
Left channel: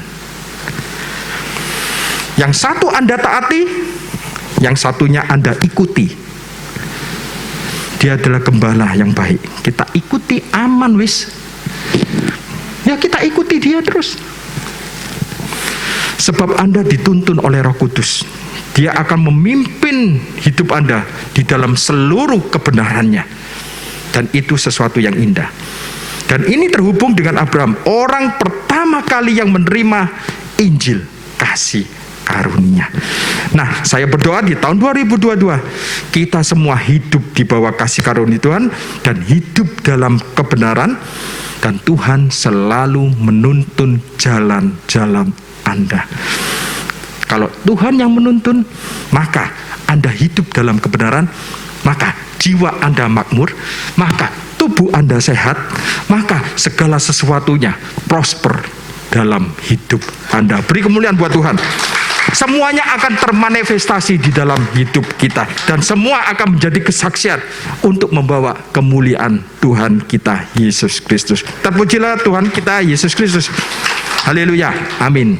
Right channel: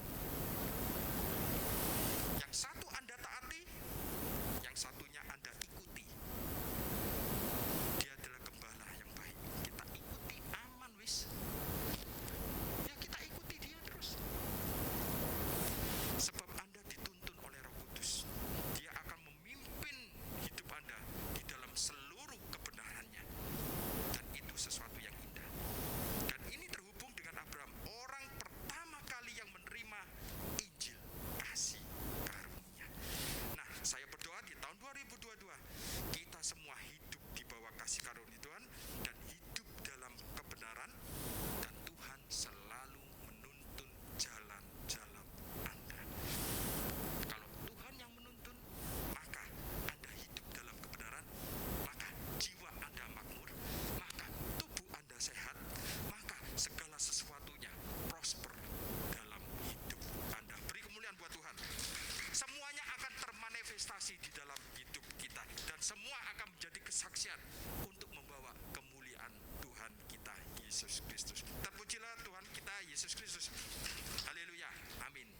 Yang satu Anda taati, yang satunya Anda ikuti. Dia adalah gembala yang baik. Kita ikuti aman wis. Ya kita ikuti dia terus. Sebab Anda dituntun oleh Roh Kudus. Dia akan memimpin hidup Anda di dalam seluruh kebenarannya. Dan itu sesuatu yang indah. Dan ini terhubung dengan Abraham, orang pertama kali yang menerima Injil kasih karunia. Nah, saya berdoa di tahun 2022 kita semua hidup di bawah kasih karunia Tuhan dan hidup dalam kebenaran, dan Tuhan selalu menuntun jalan-jalan Anda. Kalau Tuhan yang menuntun, maka Anda hidup dalam kebenaran, maka jiwa Anda makmur, maka tubuh Anda sehat, maka segala sesuatunya prosper dalam hidup Anda. Beri kemuliaan buat Tuhan. Semuanya akan termanifestasi di dalam hidup kita, dan semua akan menjadi kesaksian untuk membawa kemuliaan Tuhan kita Yesus Kristus. Terpujilah Tuhan kita Yesus Kristus. Haleluya. Amin.